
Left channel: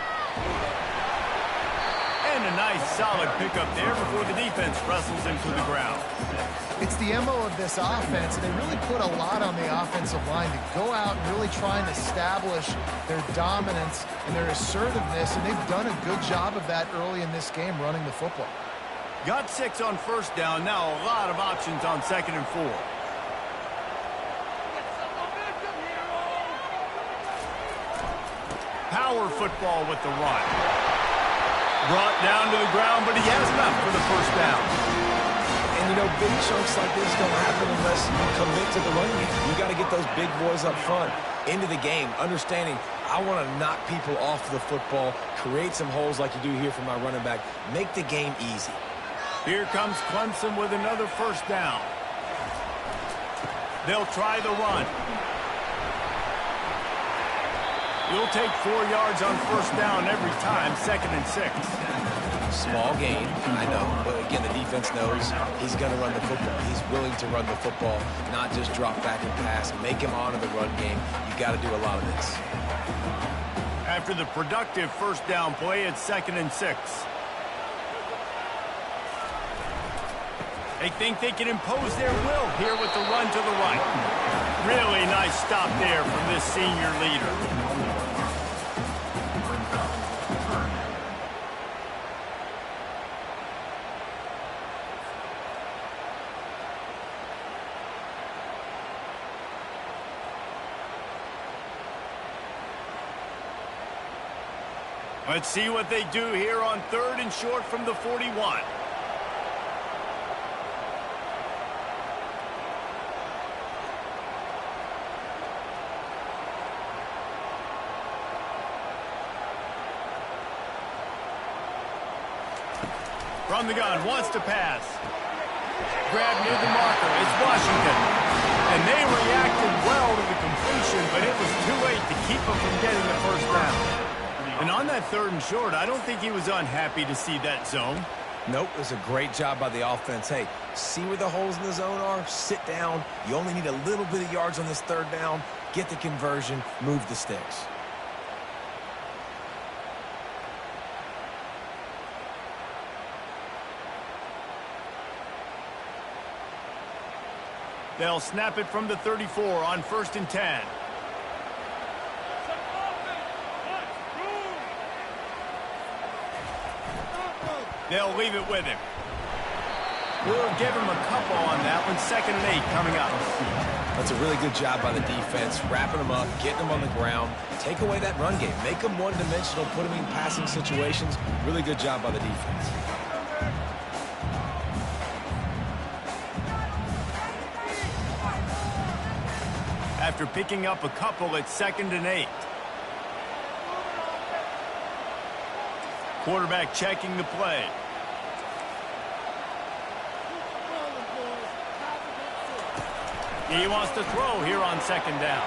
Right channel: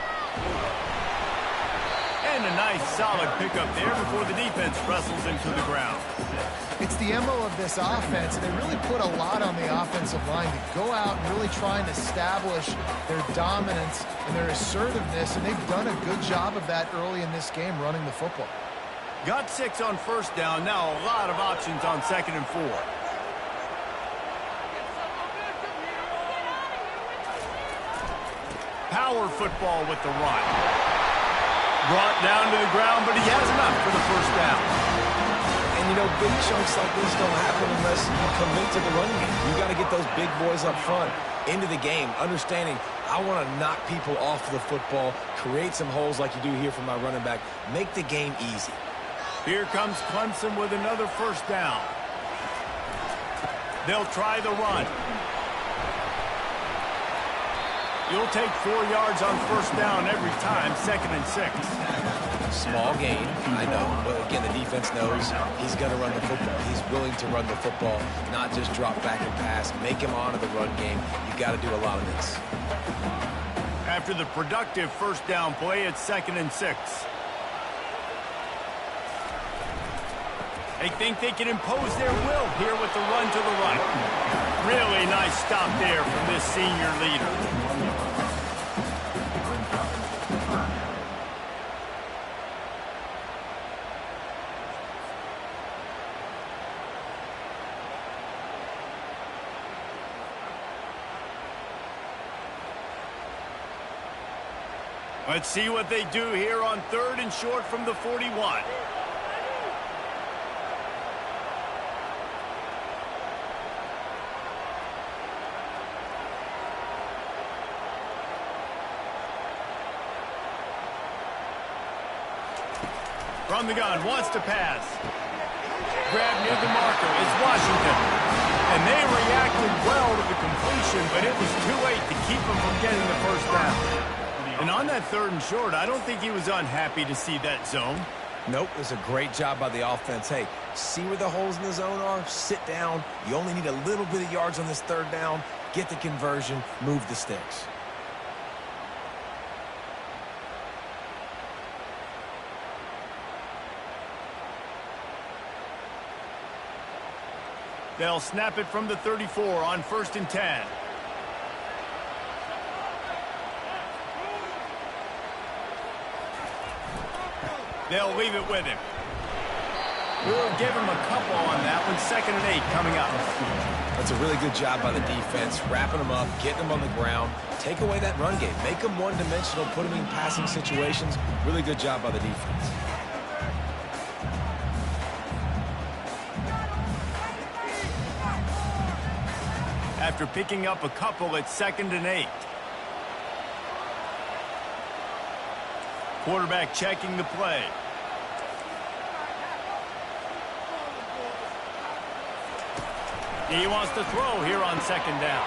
And a nice solid pickup there before the defense wrestles him to the ground. It's the MO of this offense, and they really put a lot on the offensive line to go out and really try and establish their dominance and their assertiveness, and they've done a good job of that early in this game, running the football. Got 6 on 1st down, now a lot of options on 2nd and 4. Power football with the run. Brought down to the ground, but he has enough for the 1st down. And, you know, big chunks like this don't happen unless you commit to the run game. You got to get those big boys up front into the game, understanding I want to knock people off the football, create some holes like you do here for my running back, make the game easy. Here comes Clemson with another 1st down. They'll try the run. You'll take 4 yards on 1st down every time, 2nd and 6. Small gain, I know, but again, the defense knows he's going to run the football. He's willing to run the football, not just drop back and pass, make him honor the run game. You got to do a lot of this. After the productive 1st down play, it's 2nd and 6. They think they can impose their will here with the run to the right. Really nice stop there from this senior leader. Let's see what they do here on 3rd and short from the 41. From the gun, wants to pass. Grab near the marker, it's Washington. And they reacted well to the completion, but it was too late to keep them from getting the 1st down. And on that 3rd and short, I don't think he was unhappy to see that zone. Nope, it was a great job by the offense. Hey, see where the holes in the zone are? Sit down. You only need a little bit of yards on this 3rd down. Get the conversion, move the sticks. They'll snap it from the 34 on 1st and 10. They'll leave it with him. We'll give him a couple on that one. 2nd and 8 coming up. That's a really good job by the defense, wrapping them up, getting them on the ground. Take away that run game. Make them one-dimensional, put them in passing situations. Really good job by the defense. After picking up a couple, it's 2nd and 8. Quarterback checking the play. He wants to throw here on 2nd down.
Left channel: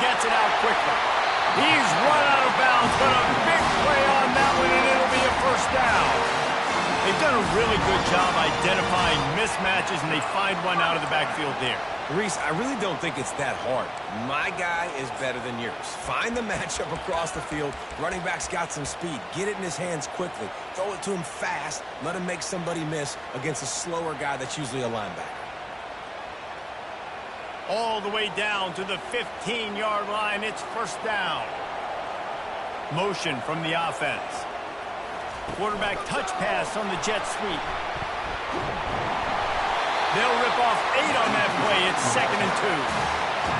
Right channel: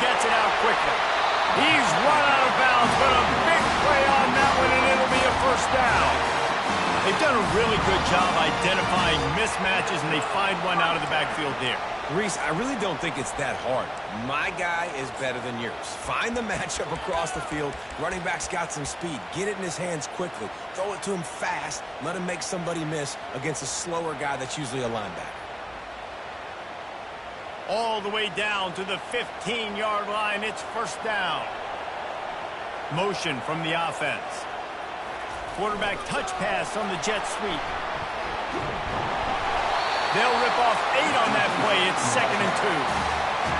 Gets it out quickly. He's run out of bounds, but a big play on that one, and it'll be a 1st down. They've done a really good job identifying mismatches, and they find one out of the backfield there. Reese, I really don't think it's that hard. My guy is better than yours. Find the matchup across the field. Running back's got some speed. Get it in his hands quickly. Throw it to him fast. Let him make somebody miss against a slower guy that's usually a linebacker. All the way down to the 15-yard line. It's 1st down. Motion from the offense. Quarterback touch pass on the jet sweep. They'll rip off 8 on that play. It's 2nd and 2.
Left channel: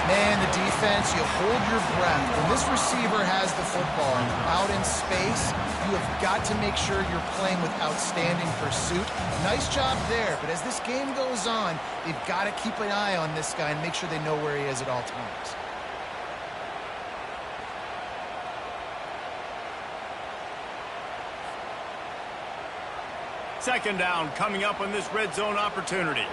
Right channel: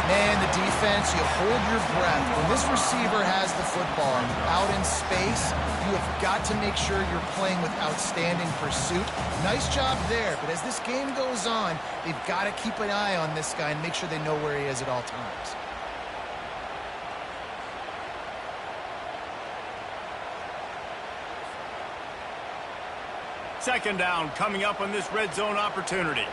Man, the defense, you hold your breath. When this receiver has the football out in space, you have got to make sure you're playing with outstanding pursuit. Nice job there, but as this game goes on, they've got to keep an eye on this guy and make sure they know where he is at all times. Second down coming up on this red zone opportunity.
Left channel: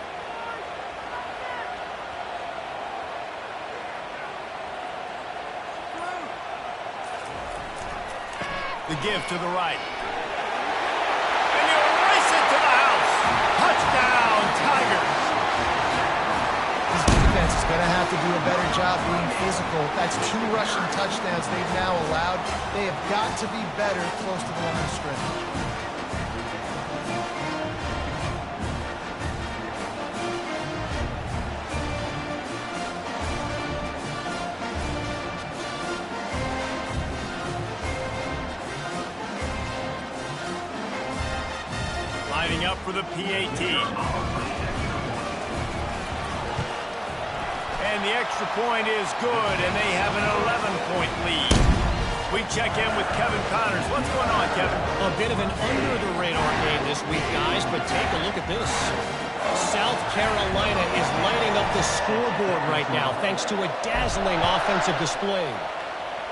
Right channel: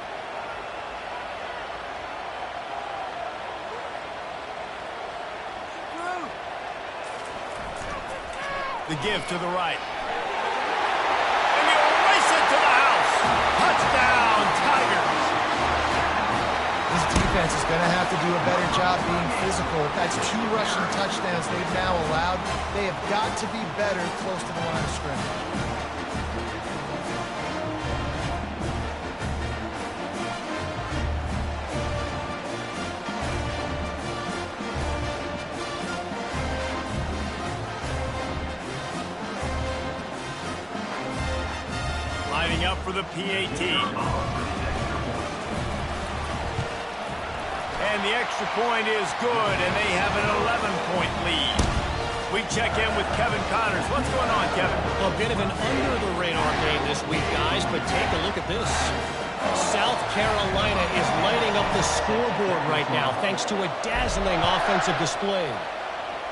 The give to the right. And he'll race it to the house. Touchdown, Tigers. This defense is going to have to do a better job being physical. That's 2 rushing touchdowns they've now allowed. They have got to be better close to the line of scrimmage. Lining up for the PAT. And the extra point is good, and they have an 11-point lead. We check in with Kevin Connors. What's going on, Kevin? A bit of an under-the-radar game this week, guys, but take a look at this. South Carolina is lighting up the scoreboard right now thanks to a dazzling offensive display.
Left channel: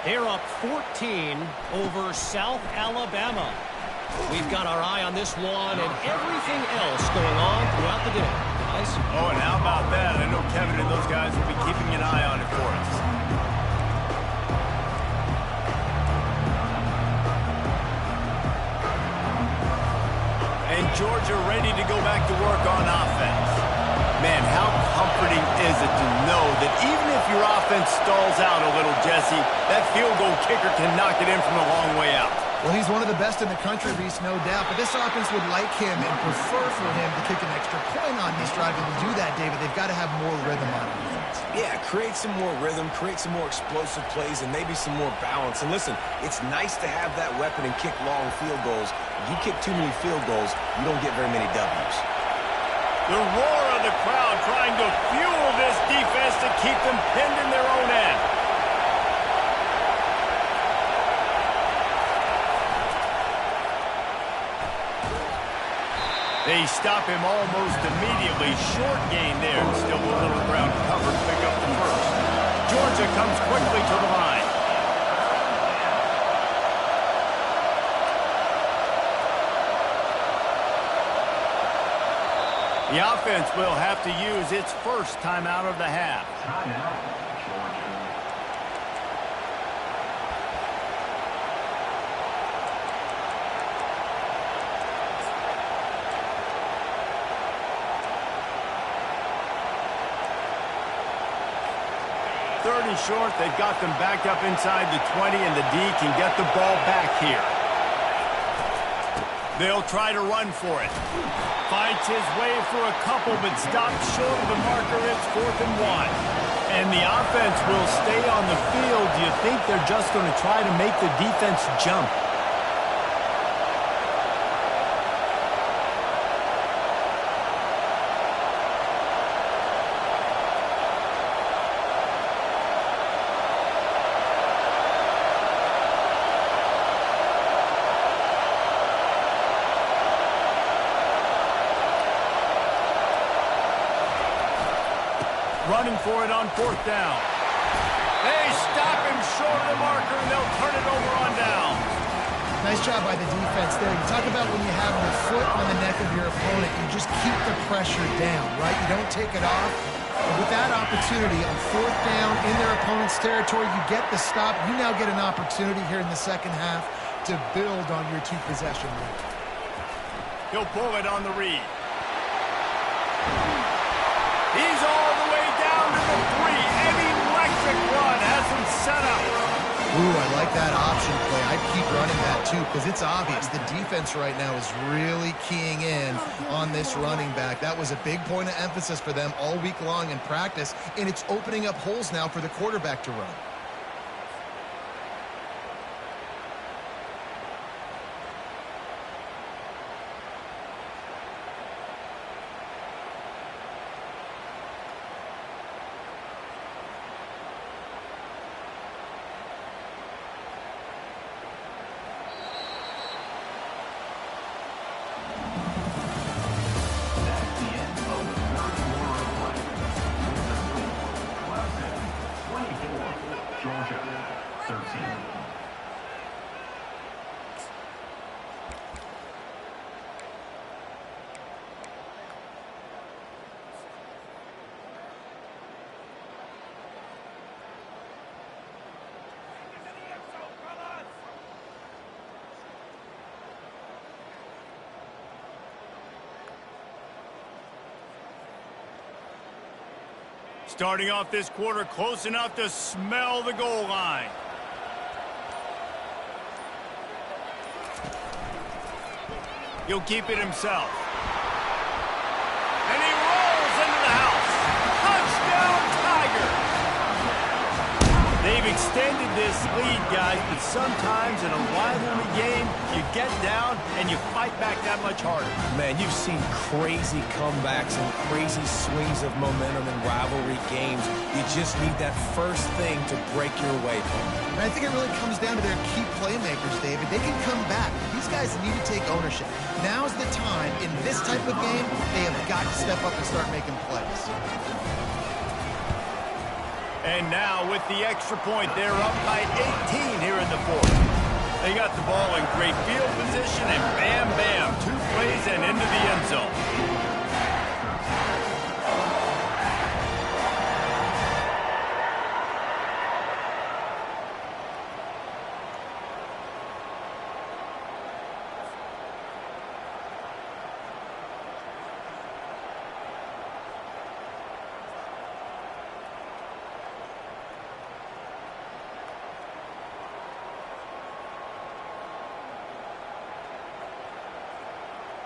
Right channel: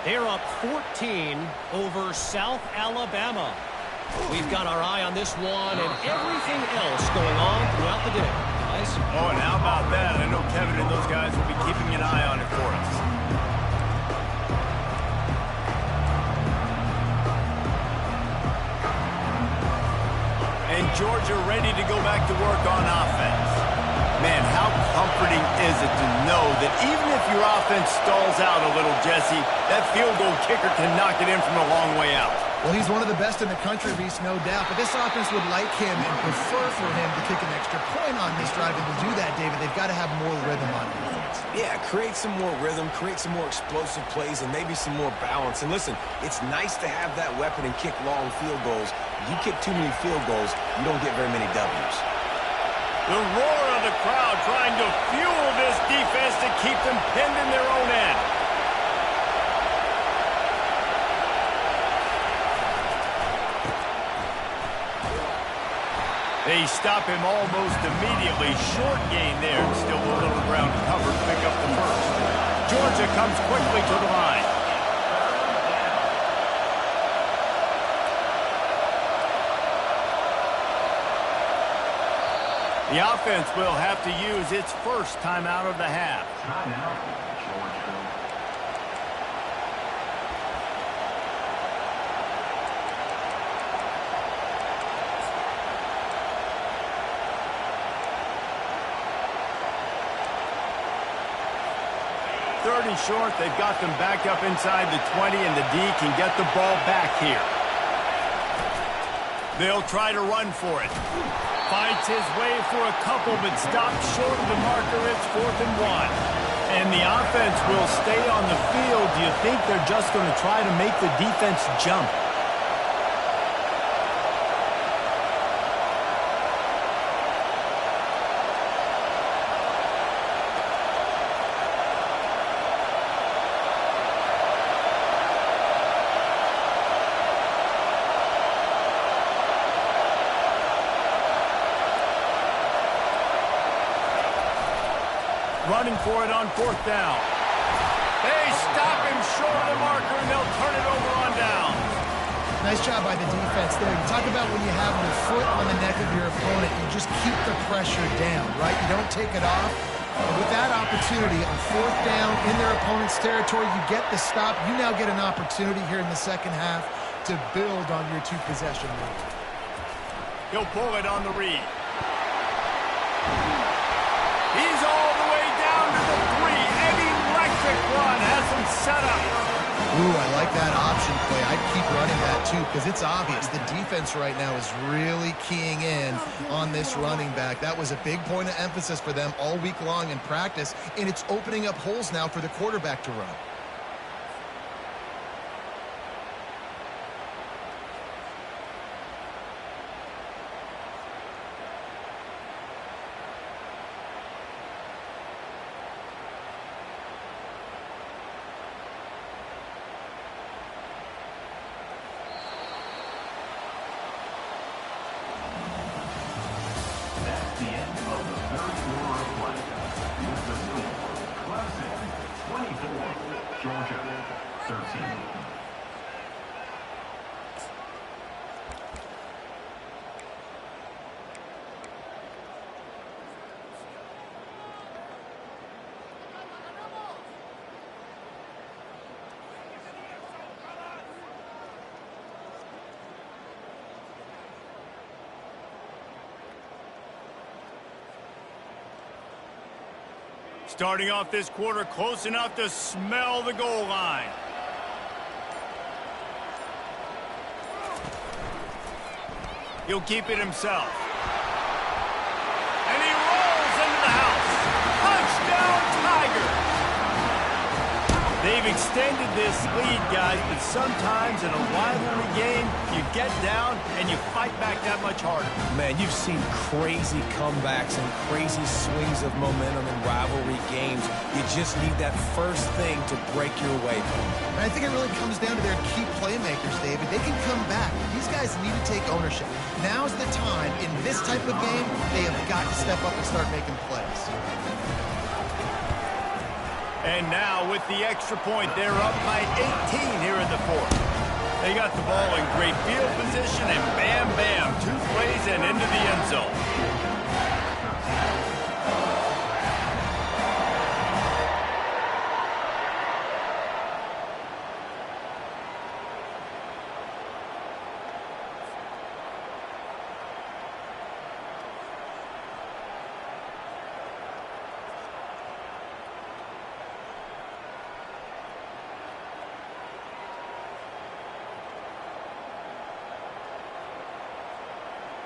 They're up 14 over South Alabama. We've got our eye on this one and everything else going on throughout the day, guys. Oh, and how about that? I know Kevin and those guys will be keeping an eye on it for us. And Georgia ready to go back to work on offense. Man, how comforting is it to know that even if your offense stalls out a little, Jesse, that field goal kicker can knock it in from a long way out. Well, he's one of the best in the country, Reese, no doubt. But this offense would like him and prefer for him to kick an extra point on this drive. And to do that, David, they've got to have more rhythm on offense. Yeah, create some more rhythm, create some more explosive plays, and maybe some more balance. And listen, it's nice to have that weapon and kick long field goals. You kick too many field goals, you don't get very many W's. The roar of the crowd trying to fuel this defense to keep them pinned in their own end. They stop him almost immediately. Short gain there. Still a little ground covered. Pick up the first. Georgia comes quickly to the line. The offense will have to use its first timeout of the half. Timeout, Georgia. Third and short, they've got them backed up inside the 20, and the D can get the ball back here. They'll try to run for it. Fights his way for a couple, but stopped short of the marker. It's 4th and 1. And the offense will stay on the field. Do you think they're just going to try to make the defense jump? Running for it on 4th down. They stop him short of the marker, and they'll turn it over on down. Nice job by the defense there. You talk about when you have your foot on the neck of your opponent, you just keep the pressure down, right? You don't take it off. And with that opportunity on 4th down in their opponent's territory, you get the stop. You now get an opportunity here in the second half to build on your 2-possession lead. He'll pull it on the read. He's all the way down to the 3. An electric run has him set up. Ooh, I like that option play. I'd keep running that too because it's obvious the defense right now is really keying in on this running back. That was a big point of emphasis for them all week long in practice, and it's opening up holes now for the quarterback to run. Georgia, 13. Starting off this quarter close enough to smell the goal line. He'll keep it himself. And he rolls into the house. Touchdown, Tigers! They've extended this lead, guys, but sometimes in a rivalry game, you get down and you fight back that much harder. Man, you've seen crazy comebacks and crazy swings of momentum in rivalry games. You just need that first thing to break your way home. And I think it really comes down to their key playmakers, David. They can come back. These guys need to take ownership. Now's the time. In this type of game, they have got to step up and start making plays. And now with the extra point, they're up by 18 here in the fourth. They got the ball in great field position, and bam, bam, 2 plays and into the end zone.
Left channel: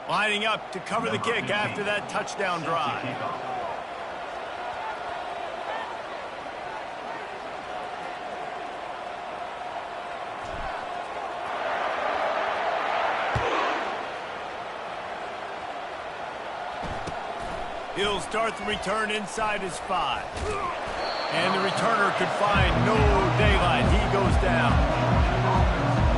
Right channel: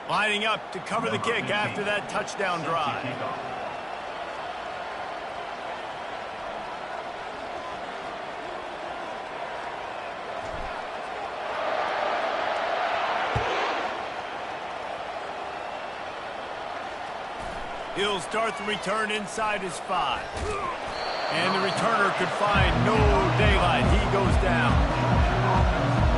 Lining up to cover the kick after that touchdown drive. He'll start the return inside his 5. And the returner could find no daylight. He goes down.